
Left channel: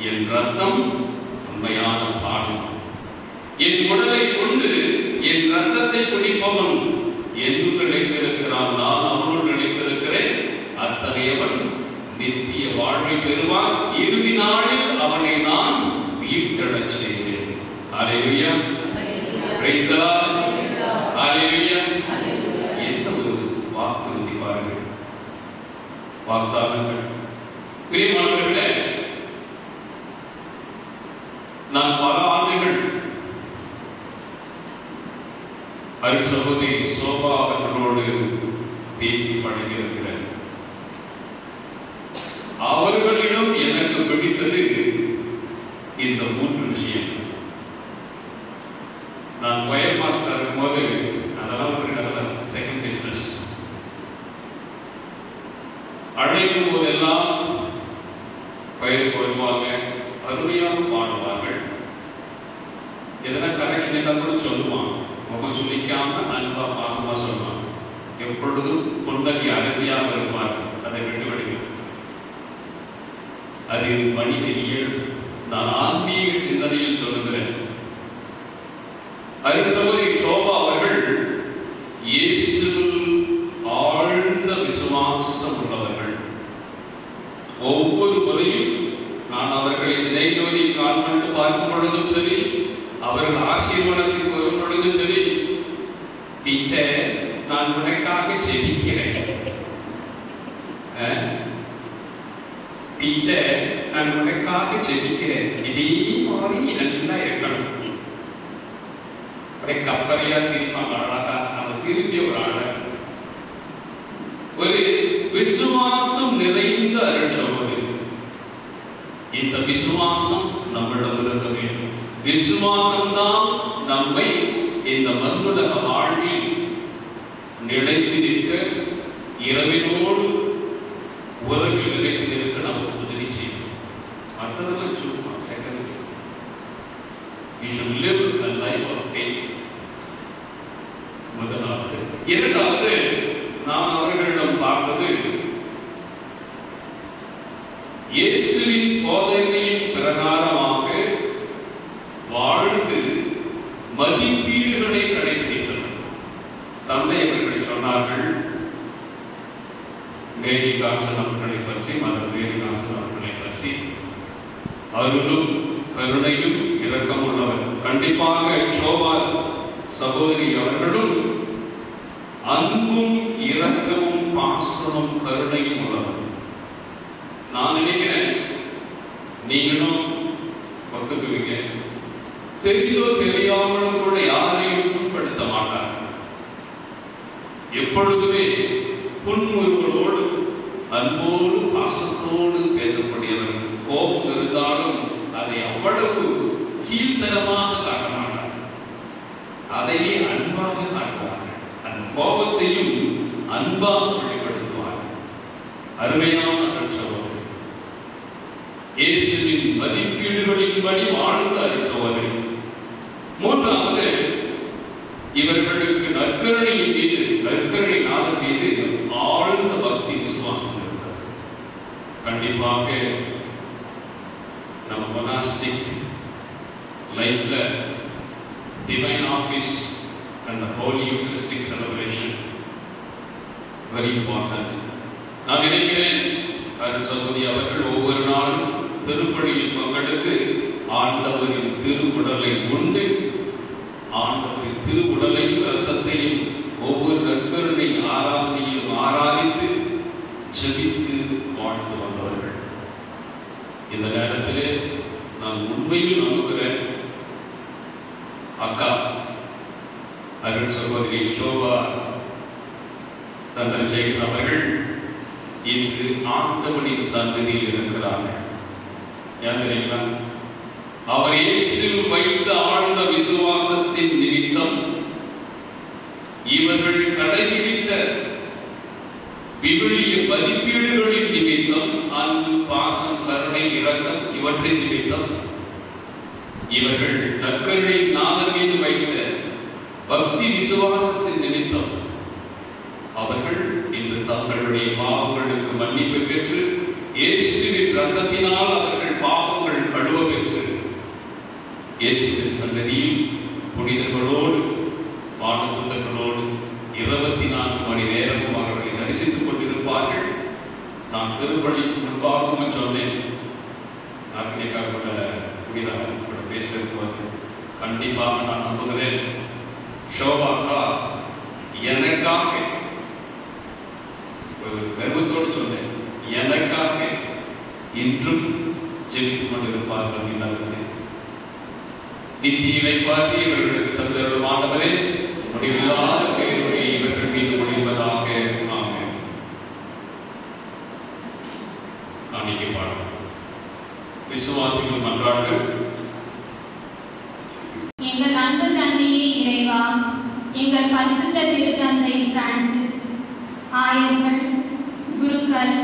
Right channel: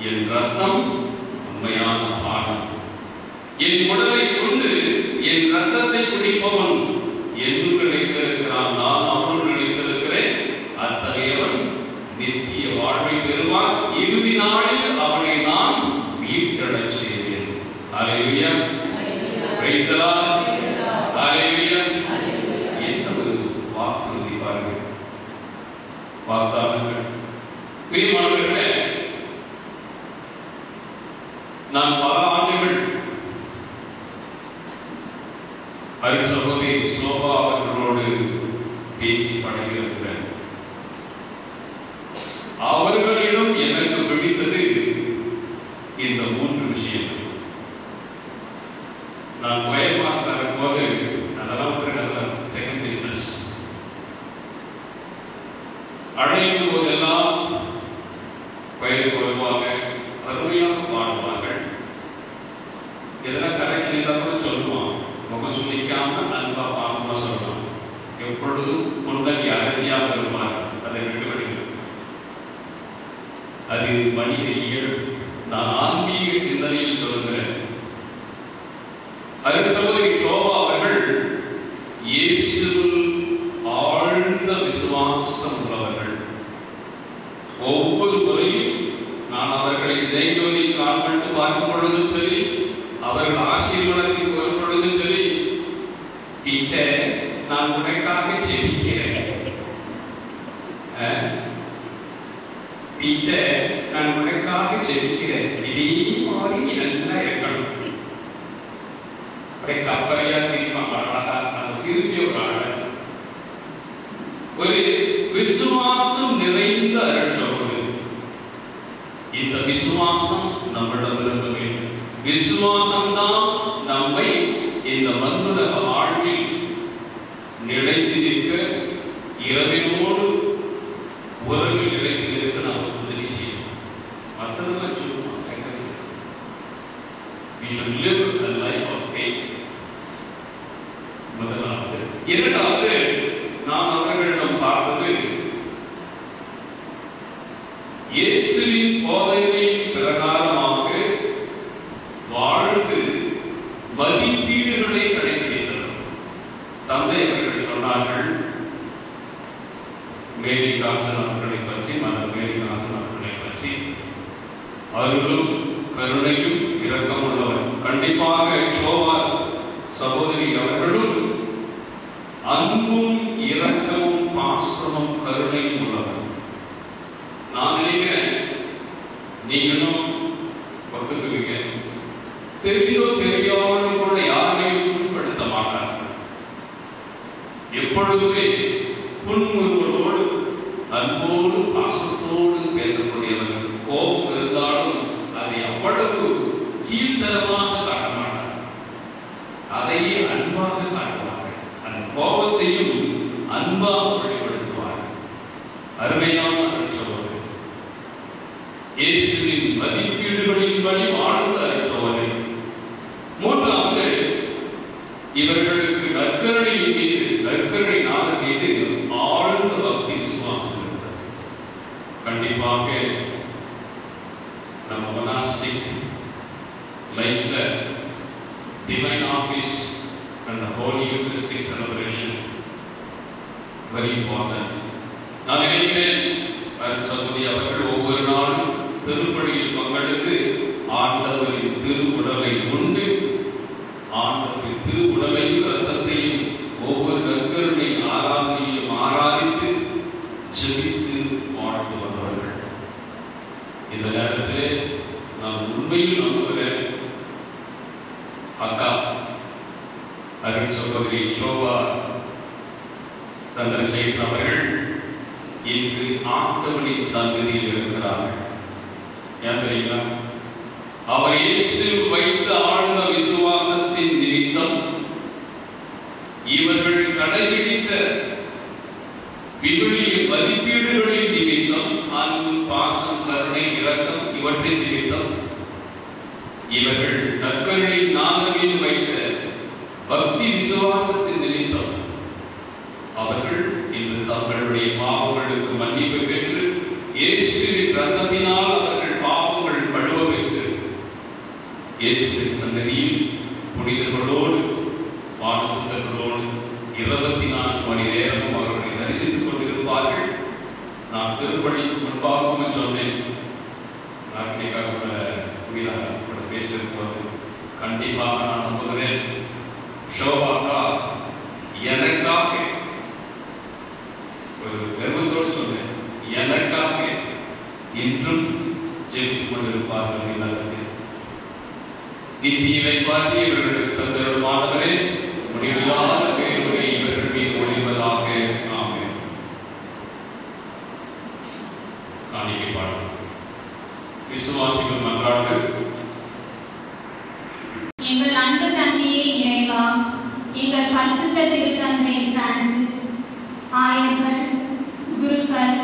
என் ரத்தம் உண்மையான பானம். என் உடலை கொண்டு என் ரத்தத்தை குடிப்பவன் என்று நினைத்திருக்கிறான், நான் அவனுள் நினைத்திருக்கிறேன், அத்தகையவன் நித்திய வாழ்வை பெறுவான், இறுதி நாளில் அவனை நான் உயிர்த்தெழச் செய்வேன். Hallelujah. Praise the lord. Hallelujah. என்ன ஒரு வாக்குறுதி பாருங்கள், வாக்தானங்கள். பிரியமானவர்களே, நான் பல ஆண்டுகள் அருட்சகோதரி சோபா அவர்களோடு பேசி பழகியிருக்கிறேன். அவர்களிடம் எனக்கு பிடித்தது இந்த 3 விஷயம். நான் பயர் மாஸ்டர் இருக்கும்போது அதெல்லாம் செகண்ட் பிசினஸ் அழைக்கும் போதெல்லாம் பயிருக்கு வருவாங்க, அருமையாக பாடுவார்கள். எதனா கரெக்ஷன் இல்லாத சொல்லுவான், முகம் சுழிக்காம அன்பா பாசமா சொல்லுவான். எப்பொழுதும் புன்னகை அரசியாக இருப்பார்கள். அதை வெட்டி அது மனித இயல்பு. நான் ஆன்மீக சிந்தனையில் சொல்லுகிறேன். அருட்சகோதரி சோபா அவர்கள் இயேசுவில் ஆழ்ந்த விசுவாசம் உள்ளவர்கள். ஒவ்வொரு முறையும் நான் அவர்களை சிதைவதில் கால்பட்டு பார்க்கும் பொழுதும் சரி, அவர்கள் ஆசீர்வாதத்தில் வரும் பொழுதும் சரி, பீட்டர் நான் உனக்காக ஜெபிக்கிறேன், பீட்டர் நான் உனக்காக ஜெபிக்கிறேன், இதே மாதிரி நல்லா இருக்கணும். கப்பலையா சிரிப்பாங்க, அந்த சிரிப்பிய ஒரு ஆள ஒரு விசுவாசம் நிறைந்த அருட்சகோதரி. இந்த விசுவாசம் நம்மிடம் இருக்க வேண்டும். விசுவாசம்தான் நம்மை இந்த மண்ணுலக வாழ்வில் நிலைத்து நிற்க, இரவினோடு உறவு நிலைத்து நிற்க நாம் உதவி செய்யும். அத்தனை சொல்லுவோம், second we should live a life of faith. முதலாவது. இரண்டாவது, நாம் அவர்களிடம் பார்த்தது இயேசுவின் போதனையின் பிரகாரமாக வாழ்ந்து மதிப்பீடுகளை கடைபிடித்தனர். தந்தை அவர்கள் சொன்னார்கள், மேரி காசன் அவர்களை பற்றி, மன்னர் மேரி காசன் அவர்களை பற்றி, அவர்களும் கருணையும் இரக்கம் உள்ளவர். கண்டிப்பாக சோபா சகோதரி அவர்களும் அன்பும் இரக்கமும் பாசமும் கருணையும் உள்ளவர். நான் நினைக்கிறேன் நீங்களும் ஒத்துக்குவீங்க. தெரிந்தோ தெரியாமலும் கூட யாரையும் புண்படுத்த மாட்டார். எப்பொழுதுமே புன்முறுவலோடு அன்போடு பாசத்தோடு பேசக்கூடியவர்கள். கோபம் இருந்தாலும் அதை அவ்வளவு கீழ்த்தரமாக காட்ட மாட்டார், அதையே அன்பாக காட்டுவார்கள். அந்த கோபத்தையும் அன்பாக வெளிப்படுத்துவார்கள். அருமையான அருட்சகோதரி, இயேசுவின் மதிப்பீடுகளின்படி வாழ்ந்த அருட்சகோதரி. மூன்றாவது, இவர்களுக்கு நற்கருணையின் மீது, நற்கருணை நாதன் மீது ஆழ்ந்த பக்தி விசுவாசம் இருந்தது. கண்டிப்பாக நம் monastic like the divine office and the holy Eucharistic celebration very important. நான் நினைக்கிறேன் அருட்சகோதரி அவர்கள் ஒவ்வொரு நாளும் திருப்பலியில் பங்கெடுத்து ஆண்டவரின் திருவுடலை உண்டு அருள் சகோதரி சோபா சந்திரசேகர் அவர்கள் இன்று ஆண்டவனின் சந்ததியில் இருக்கிறார்கள். ஏனென்றால் அவர் இயேசு வைத்த ஆழ்ந்த விசுவாசத்தின் நிமித்தம் இவர்கள் கடைபிடித்த விடுளிய மதிப்பீடுகளின் நிமித்தம், அன்பு, பாசம், கருணை, இரக்கம் இவற்றின் நிமித்தம் இவர்கள் தங்களின் நாதங்களில் வைத்த பக்தி விசுவாசத்தின் நிமித்தம் அவர்கள் இன்று தங்களுடைய பாவங்களுக்கு மன்னிப்பு பெற்று இயேசுவின் ரத்தத்தினால் அவர்கள் பாவங்கள் கழுவ பெற்று இயேசுவின் சன்னதியில் புனிதர்களோடு வானதூதர்களோடு 24 மணி நேரமும் அவர்களை தரிசித்துக் கொண்டிருப்பார்கள். நான் திருப்பணிக்கு முன்பாகவும் சொன்னேன், பேசுவதற்கு கண்டிப்பாக நான் நம்புகிறேன். ஷோபாக்கா எனக்காக ஒரு பெருமத்தோடு சொன்னேன், எனக்காக இன்றும் ஜெபித்துக் கொண்டிருப்பார்கள். எல்லாருமே இந்தியை பார்த்து இவர்களுக்கு தந்தருமானவரே முடிவில்லாத பேருரை இவர்கள் மீது ஒளிவதாக. ஆமென். காணிக்கை பாடல். விசுவாசிகள் நன்றாக. எங்கள் அன்பு தந்தையே இறைவா, எங்கள் பரிசுத்த திருத்தந்தை பிரான்சிஸ், ஆயர்கள், குருக்கள்,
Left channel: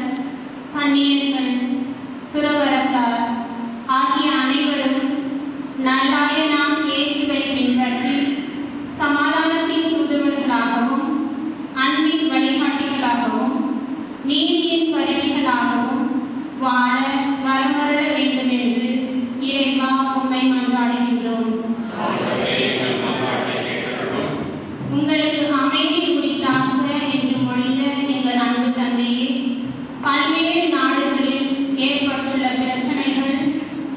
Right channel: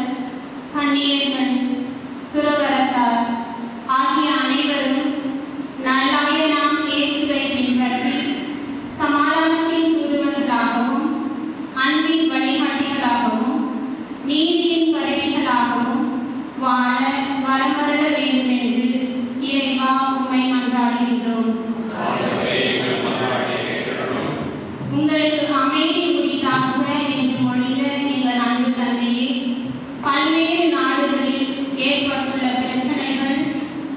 கன்னியர்கள், துறவரத்தார் ஆகிய அனைவரும் நல்லாயனாம் இயேசுவை பின்பற்றி சமாதானத்தின் தூதுவர்களாகவும் அன்பின் வழிகாட்டிகளாகவும் நீதியின் கருவிகளாகவும் வாழ வரமருள வேண்டும் என்று இறைவா உம்மை மன்றாடுகின்றோம். உங்களுக்கு அமைதி உரித்தாக என்று மொழிந்த எங்கள் அன்பு தந்தையே, பல்வேறு நாடுகளில் ஏற்பட்டுள்ள பிரச்சனைகள்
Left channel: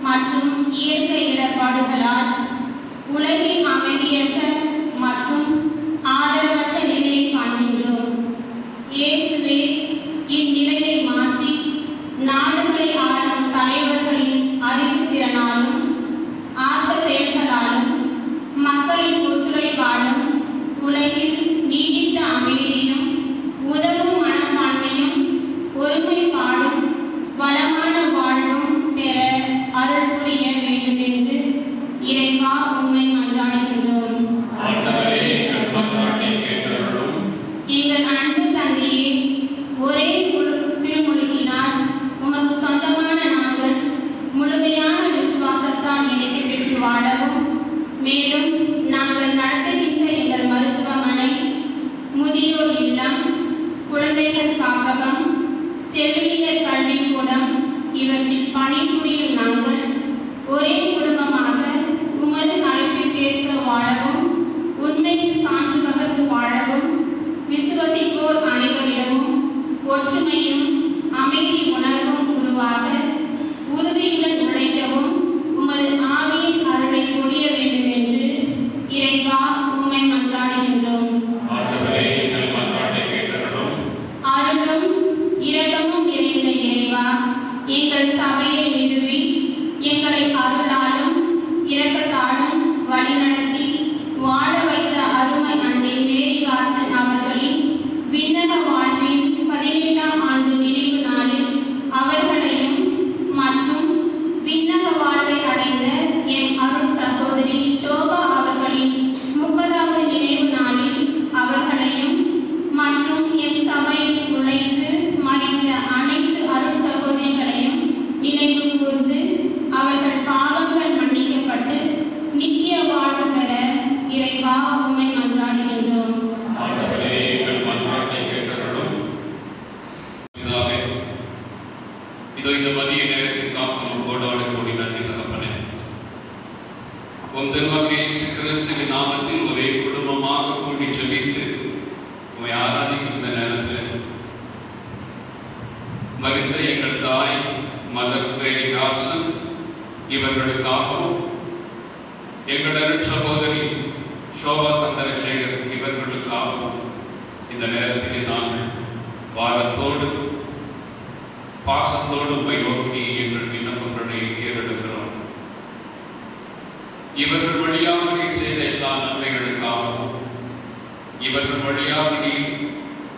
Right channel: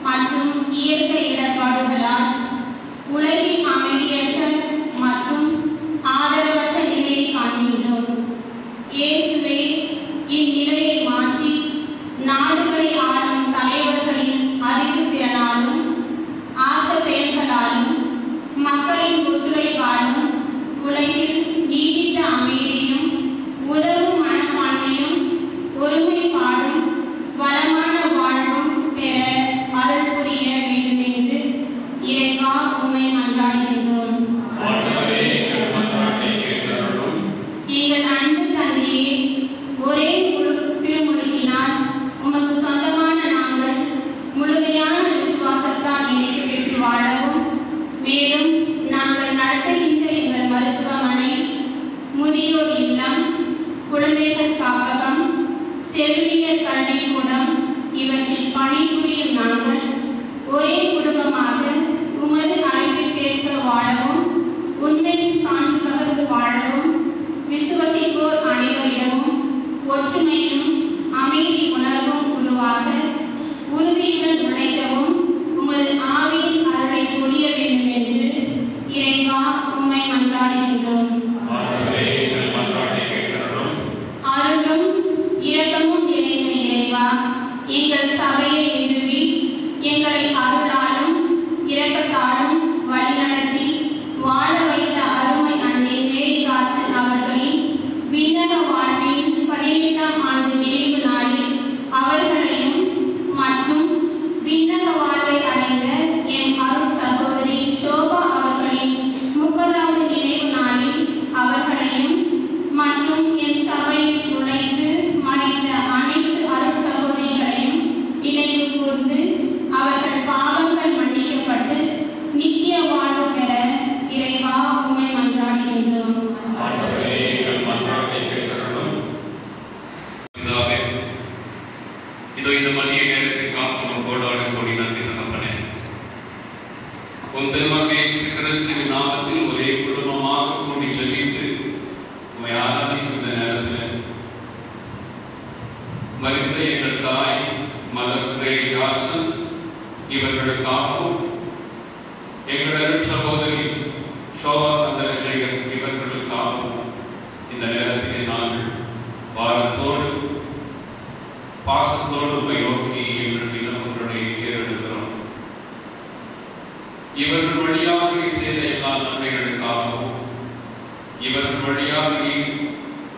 மற்றும் இயற்கை இடர்பாடுகளால் உலகின் அமைதியற்ற மற்றும் ஆதரவற்ற நிலையை காண்கின்றோம். இயேசுவே, இந்நிலையை மாற்றி நாடுகளை ஆளும் தலைவர்களின் அறிவு திறனாலும் ஆக்க செயல்களாலும் மக்களின் ஒத்துழைப்பாலும் உலகில் நீடித்த அமைதியும் உதவும் மனப்பான்மையும் ஒருமைப்பாடும் வளமான வாழ்வும் பெற அருள் புரிய வேண்டும் என்று இறைவா உம்மை மன்றாடுகின்றோம். எங்கள் அன்பு தந்தையே, ஒரே திருமுழுக்கினால் உமக்கு சொந்தமான நாங்கள் முழுமையான விசுவாசத்தால் நினைத்து பெற்று வாழவும், மேலும் நாங்கள் நடத்துகின்ற எங்கள் மருத்துவமனை, முதியோர் இல்லம், குழந்தைகள் காப்பகம், செவிலியர் கல்விக்கூடம் இவற்றில் பணிபுரியும் நாங்கள் ஒரே குடும்பமாக உமது அழைப்பிற்கேற்ப வாழவும், உண்மைக்கு சான்று பகர்ந்து வாழவும், விசுவசிப்போர் அனைவரிடமும் ஒற்றுமையும் அமைதி உணர்வும் உருவாக உறுதியுடன் உழைக்கவும் உமது ஆவியின் அருளை பொழிய வேண்டும் என்று இறைவா உம்மை மன்றாடுகின்றோம். அருளும் இரக்கமும் நிறைந்த இறைவா, எங்கள் சபையை நிறுவி எங்களை அருளாலும் இரக்கத்தாலும் வழிநடத்தி வாழ வைத்த அருமை அன்னை மேரிதாசன் அவர்களின் விண்ணக வாழ்வின் 17ஆம் ஆண்டு நிறைவு நாளில் அவர்களையும் மற்றும் விண்ணக வாழ்வை அடைந்த என் அருள் சகோதரி சோபா அவர்களின் 30வது நினைவு நாளில் அவர்களையும் மற்றும் என் சபையில் உழைத்து மறைந்த அனைத்து அருள் சகோதரிகளையும் நினைவு கூர்ந்து அவர்கள் பாவங்கள் மன்னிக்கப்பட்டு நித்திய வாழ்வு பெற இறைவா உம்மை மன்றாடுகின்றோம். இதோ இந்த மதிய நேரத்தில் காக்கும் கோடான கோடி நன்றி தகப்பனே. உன் திருமகன் இயேசு கிறிஸ்துவின் நாமத்தில் ஒரே குடும்பமாக கூடி ஜெபித்து உம்மை ஆராதிக்கின்ற நேரத்தில் மரித்த எங்கள் தாய் மலர் ராசன் இவர்களுக்காகவும் எங்கள் அருள் சகோதரி சோபா சந்திரசேகர் இவர்களுக்காகவும் இந்த நேரத்திலே நாங்கள் வாரத்தோடு பாசத்தோடு உம்மை நோக்கி எங்கள் விண்ணப்பங்களை ஏறெடுக்கிறோம். இவர்கள் வழியாக செய்த எல்லா நன்மைகளுக்காகவும் இவர்கள் வழியாக நீ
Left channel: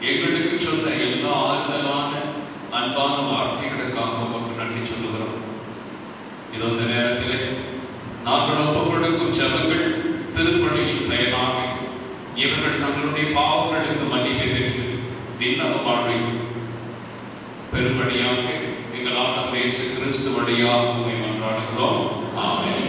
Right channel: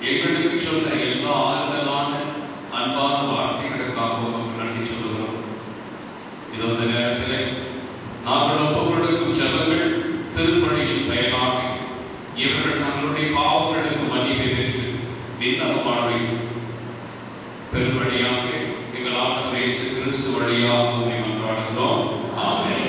எங்களுக்கு சொன்ன எல்லா ஆறுதலான அன்பான வார்த்தைகளுக்காக உமக்கு நன்றி சொல்லுகிறோம். இந்த நேரத்திலே நாங்கள் ஒப்புக்கொடுக்கும் ஜெபங்கள் திருப்பணியில் பயனாக இவர்கள் தங்களுடைய பாவங்களுக்கு மன்னிப்பை பெற்று விண்ணக வாழ்வை பெரும்படியாக எங்கள் ஆண்டவர் இயேசு கிறிஸ்து வழியாக உம்மை மன்றாடுகிறோம். ஆமென்.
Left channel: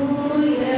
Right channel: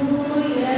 Oh, yeah.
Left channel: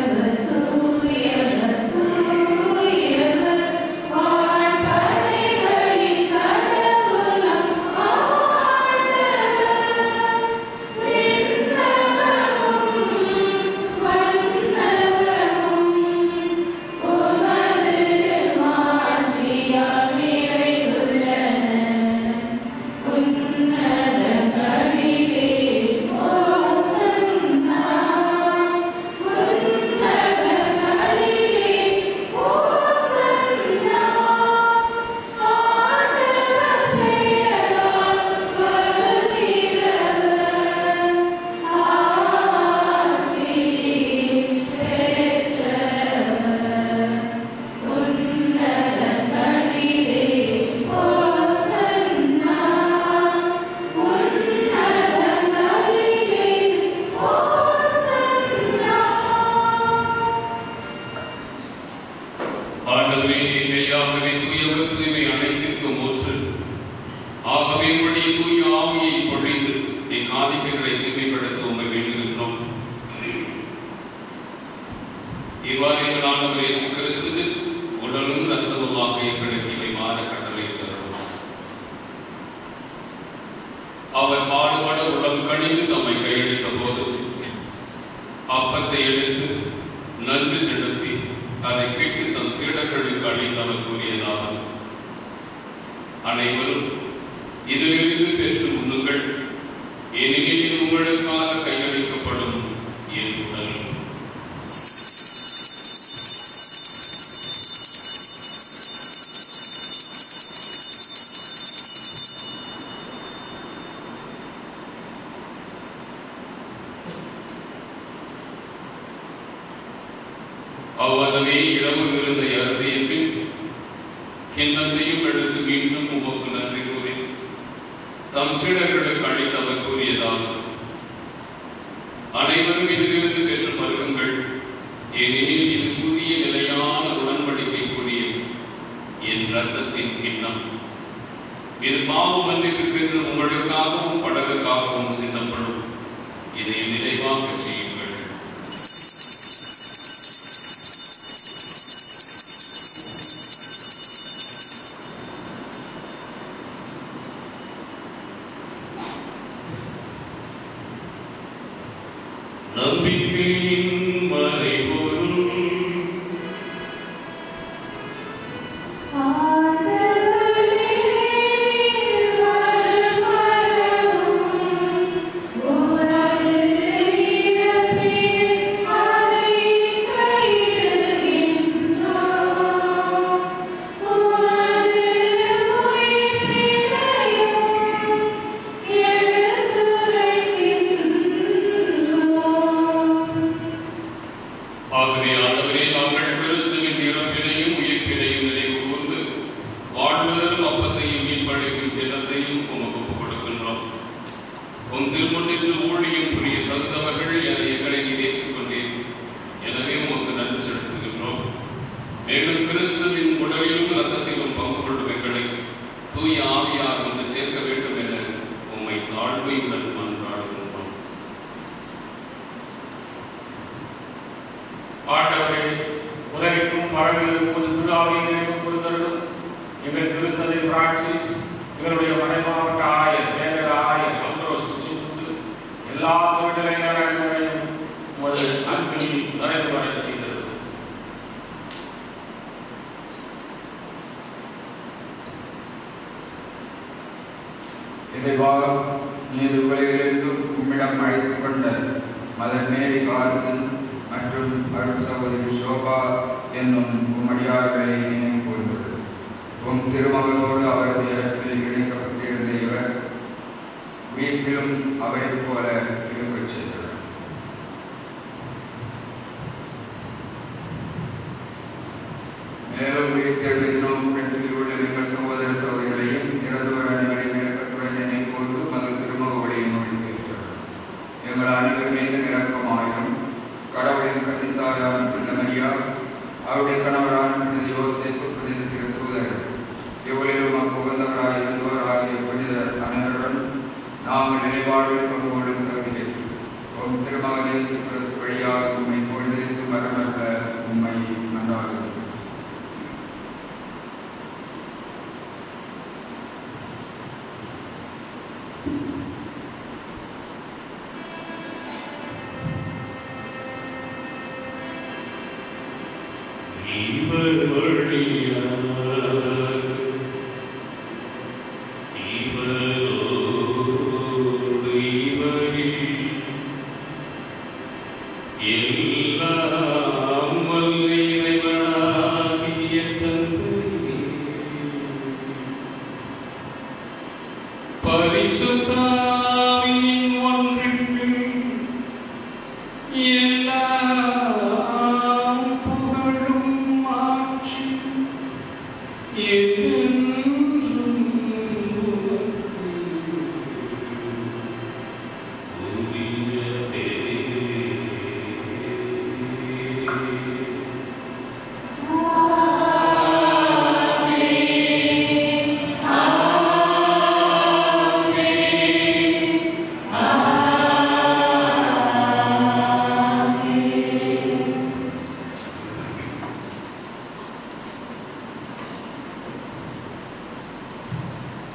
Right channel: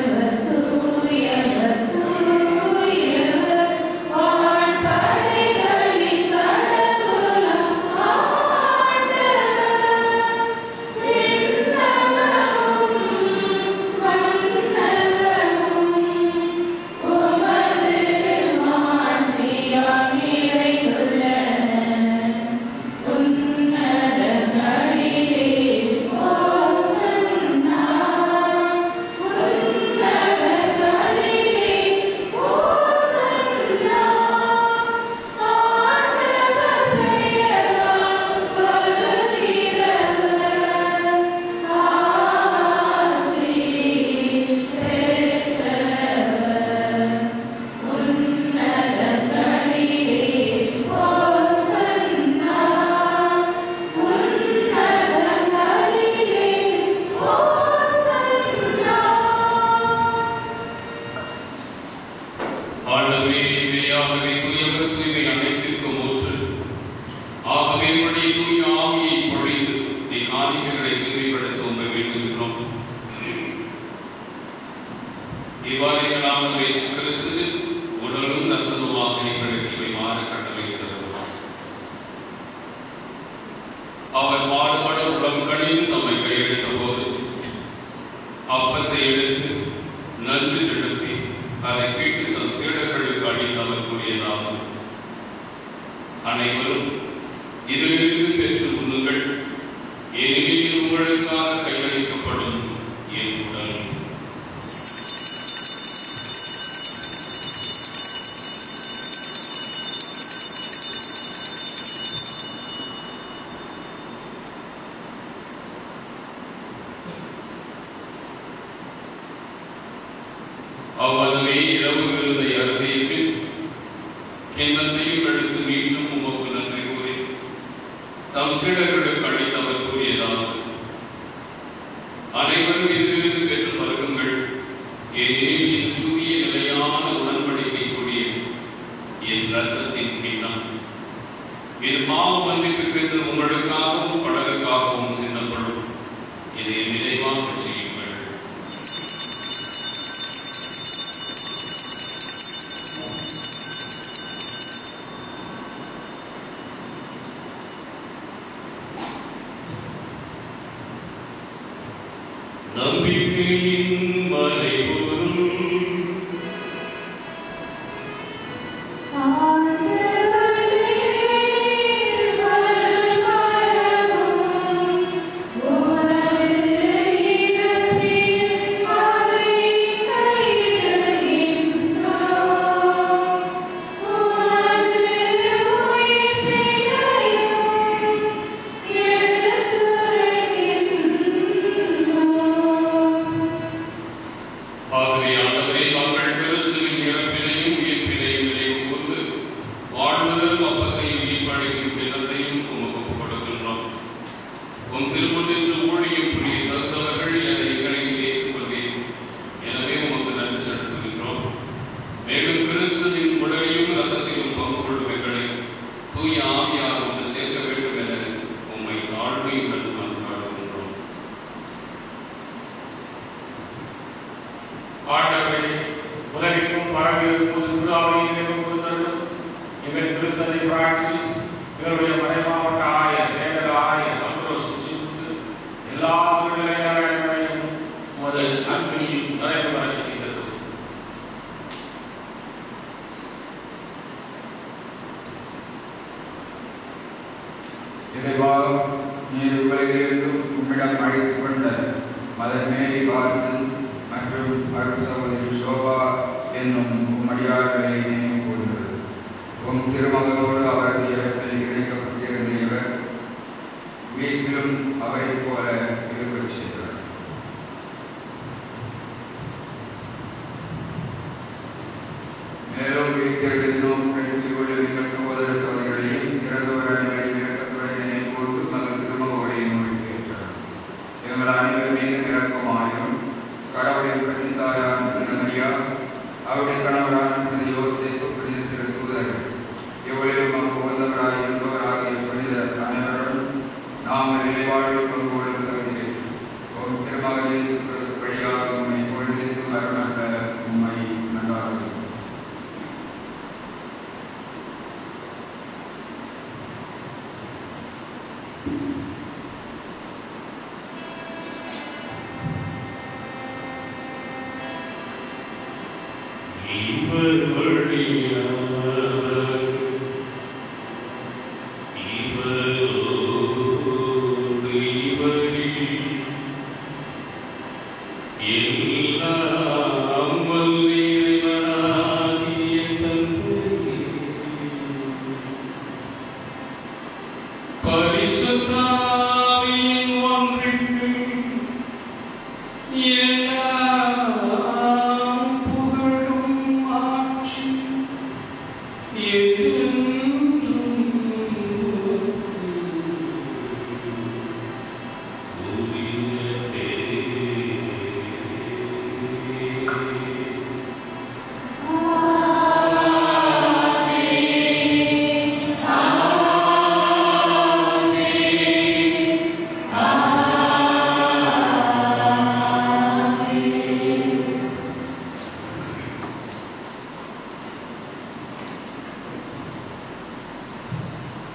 உங்களுக்காக கையளிக்கப்படும் என் உடல். அவ்வளவே இரவு விருந்தை அருந்திய பின் கிண்ணத்தையும் எடுத்து மீண்டும் உமக்கு நன்றி கூறி தம் சீடர்களுக்கு அளித்து அவர் கூறியதாவது: அனைவரும் இதிலிருந்து பெற்று பருகுங்கள். ஏனெனில் என் புதிய நிலையான உடன்படிக்கை கூடிய என் ரத்தத்தின் கிண்ணம் என் பாவ மன்னிப்புக்கென்று உங்களுக்காகவும் பலருக்காகவும் சிந்தப்படும். இதை நினைவாக செய்யுங்கள். நம்பிக்கையின் மறைபொருள்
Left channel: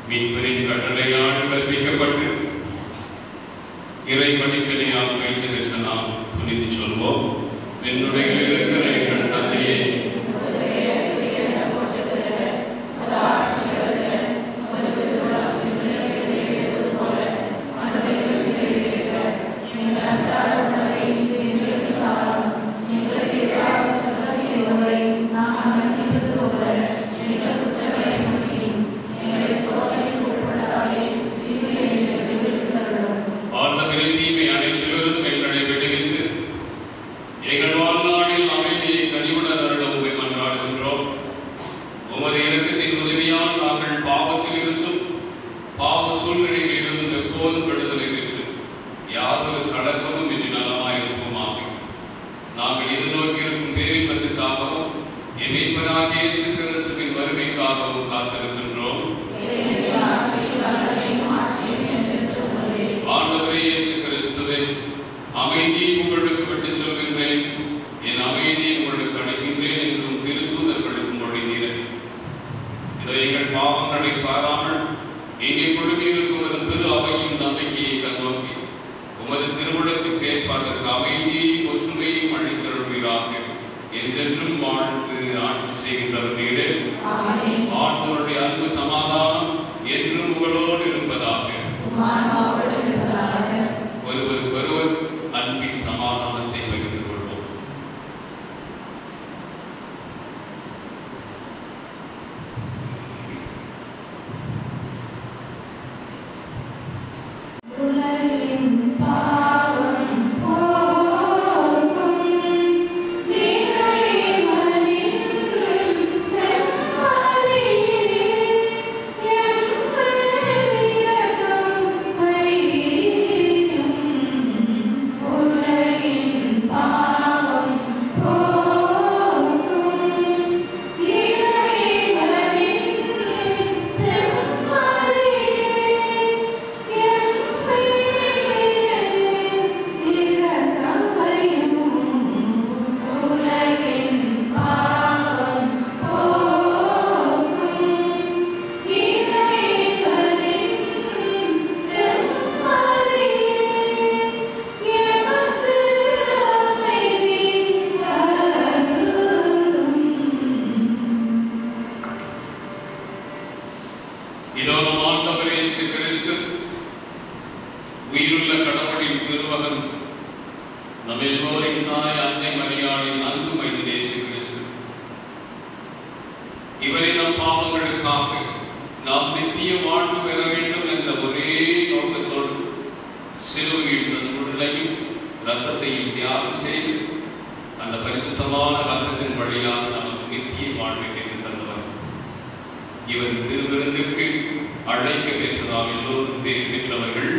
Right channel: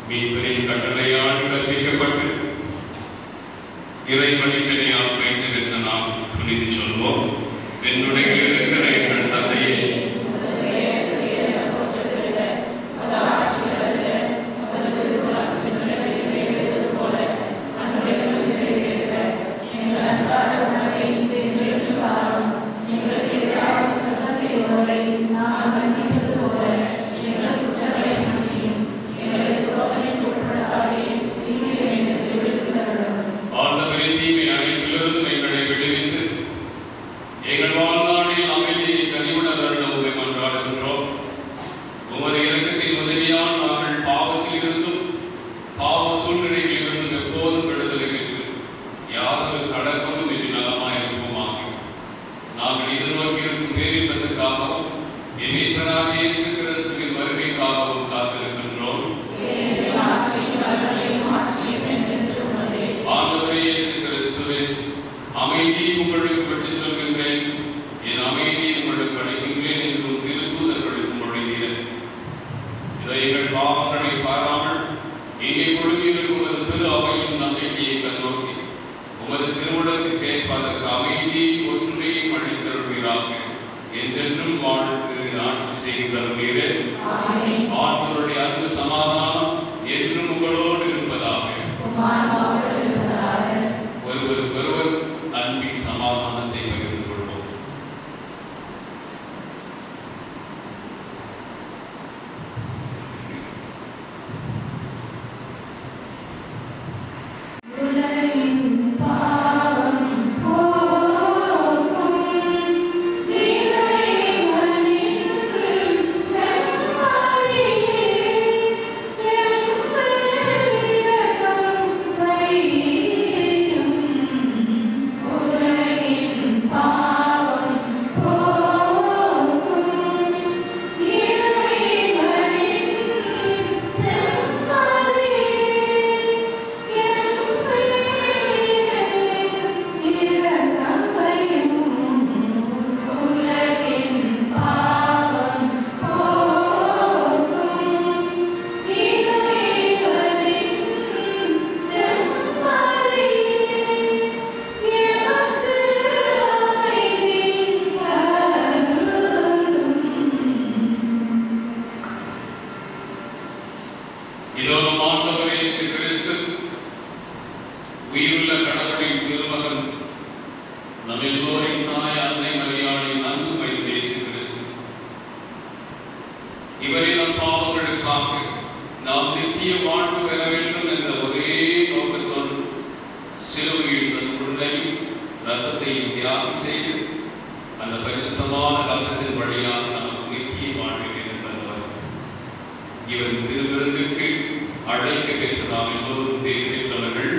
மீட்பரின் கட்டளையால் கற்பிக்கப்பட்டு இறைவனிப்பினையால் பேச்சு பெற்ற நாம் புரிந்து சொல்வோம். என்னுடைய இருக்கிற எங்கள் தந்தையே, அமைதியை உங்களுக்கு விட்டுச் செல்கின்றேன், என் அமைதியை உங்களுக்கு அளிக்கின்றேன் என்றும் திருத்தூதர்களுக்கு மொழிகிறேன். இதை எங்கள் பாவங்களை பாராமல் இங்கே குழுமியிருப்பது திரு அவையின் நம்பிக்கையை கண்ணோக்கி உமது திருவுளத்துக்கு ஏற்பதற்கு அமைதியை ஒற்றுமையும் அளித்தருள்வீராக. என்றென்றும் வாழ்த்து ஆட்சி செய்கின்றவர்களே, ஆண்டவருடைய அன்பு சமாதானம் என்று உங்களோடு இருப்பதாக. ஒருவருக்கொருவர் அன்பின் சமாதானத்தை பகிர்ந்து கொள்வோம். உயிருள்ள கடவுளின் திருமகன் நம் எல்லோரின் தாய் அன்னை மரியாளின் அன்பு மைந்தன் இயேசு கிறிஸ்து, இவரை நம் பாவங்களுக்காக நாம் நித்திய வாழ்வு பெற வேண்டும் என்ற ஒரே நோக்கத்தோடு சிலுவையில் தன் உடலையும் ரத்தத்தையும் தியாகம் செய்து அந்த பரிசுத்தமான ரத்தத்தின் வழியாக நமக்கு நித்திய வாழ்வை பெறுகின்றனர். இவர் திருவிருந்துக்கு அழைக்க பெற்றதால் எல்லோரும் பேர் பெற்றவர்கள்.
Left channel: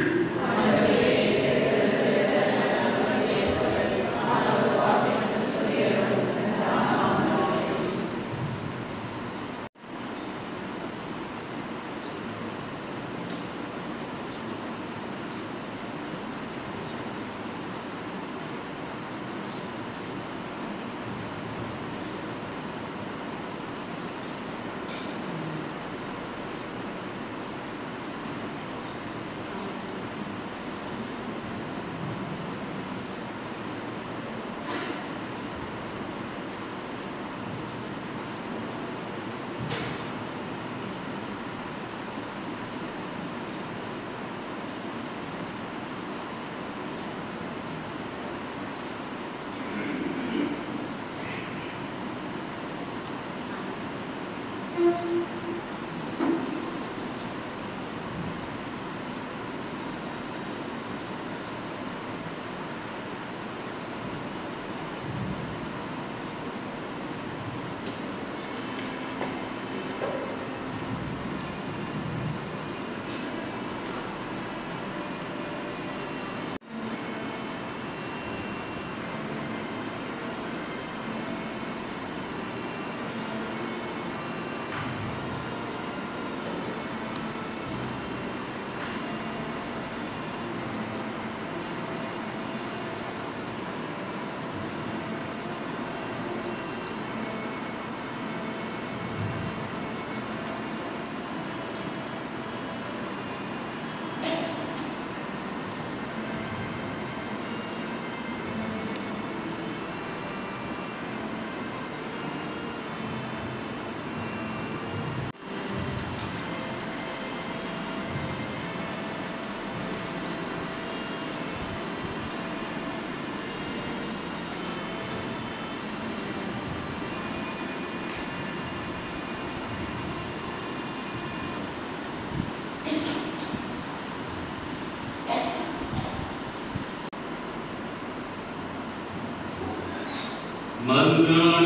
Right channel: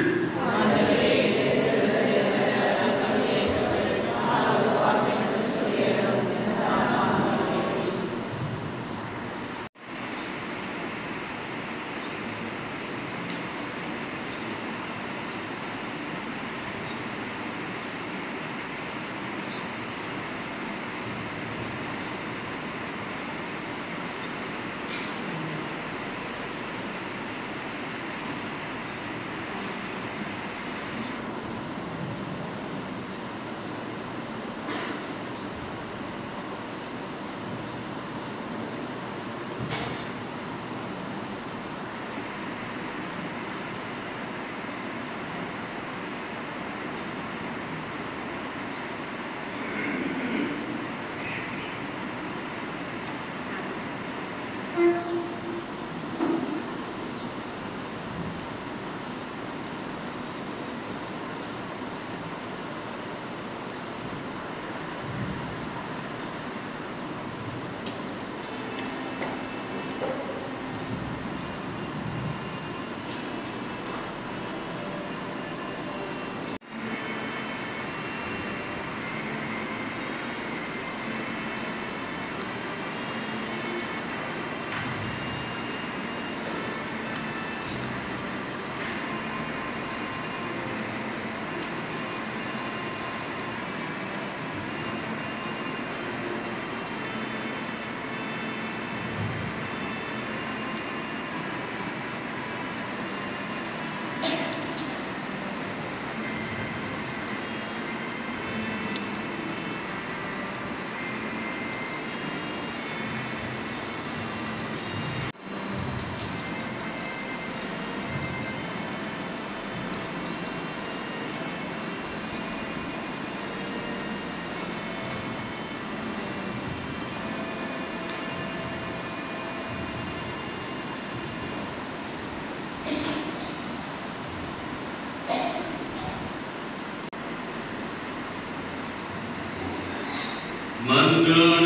மன்றாடுவோமாக.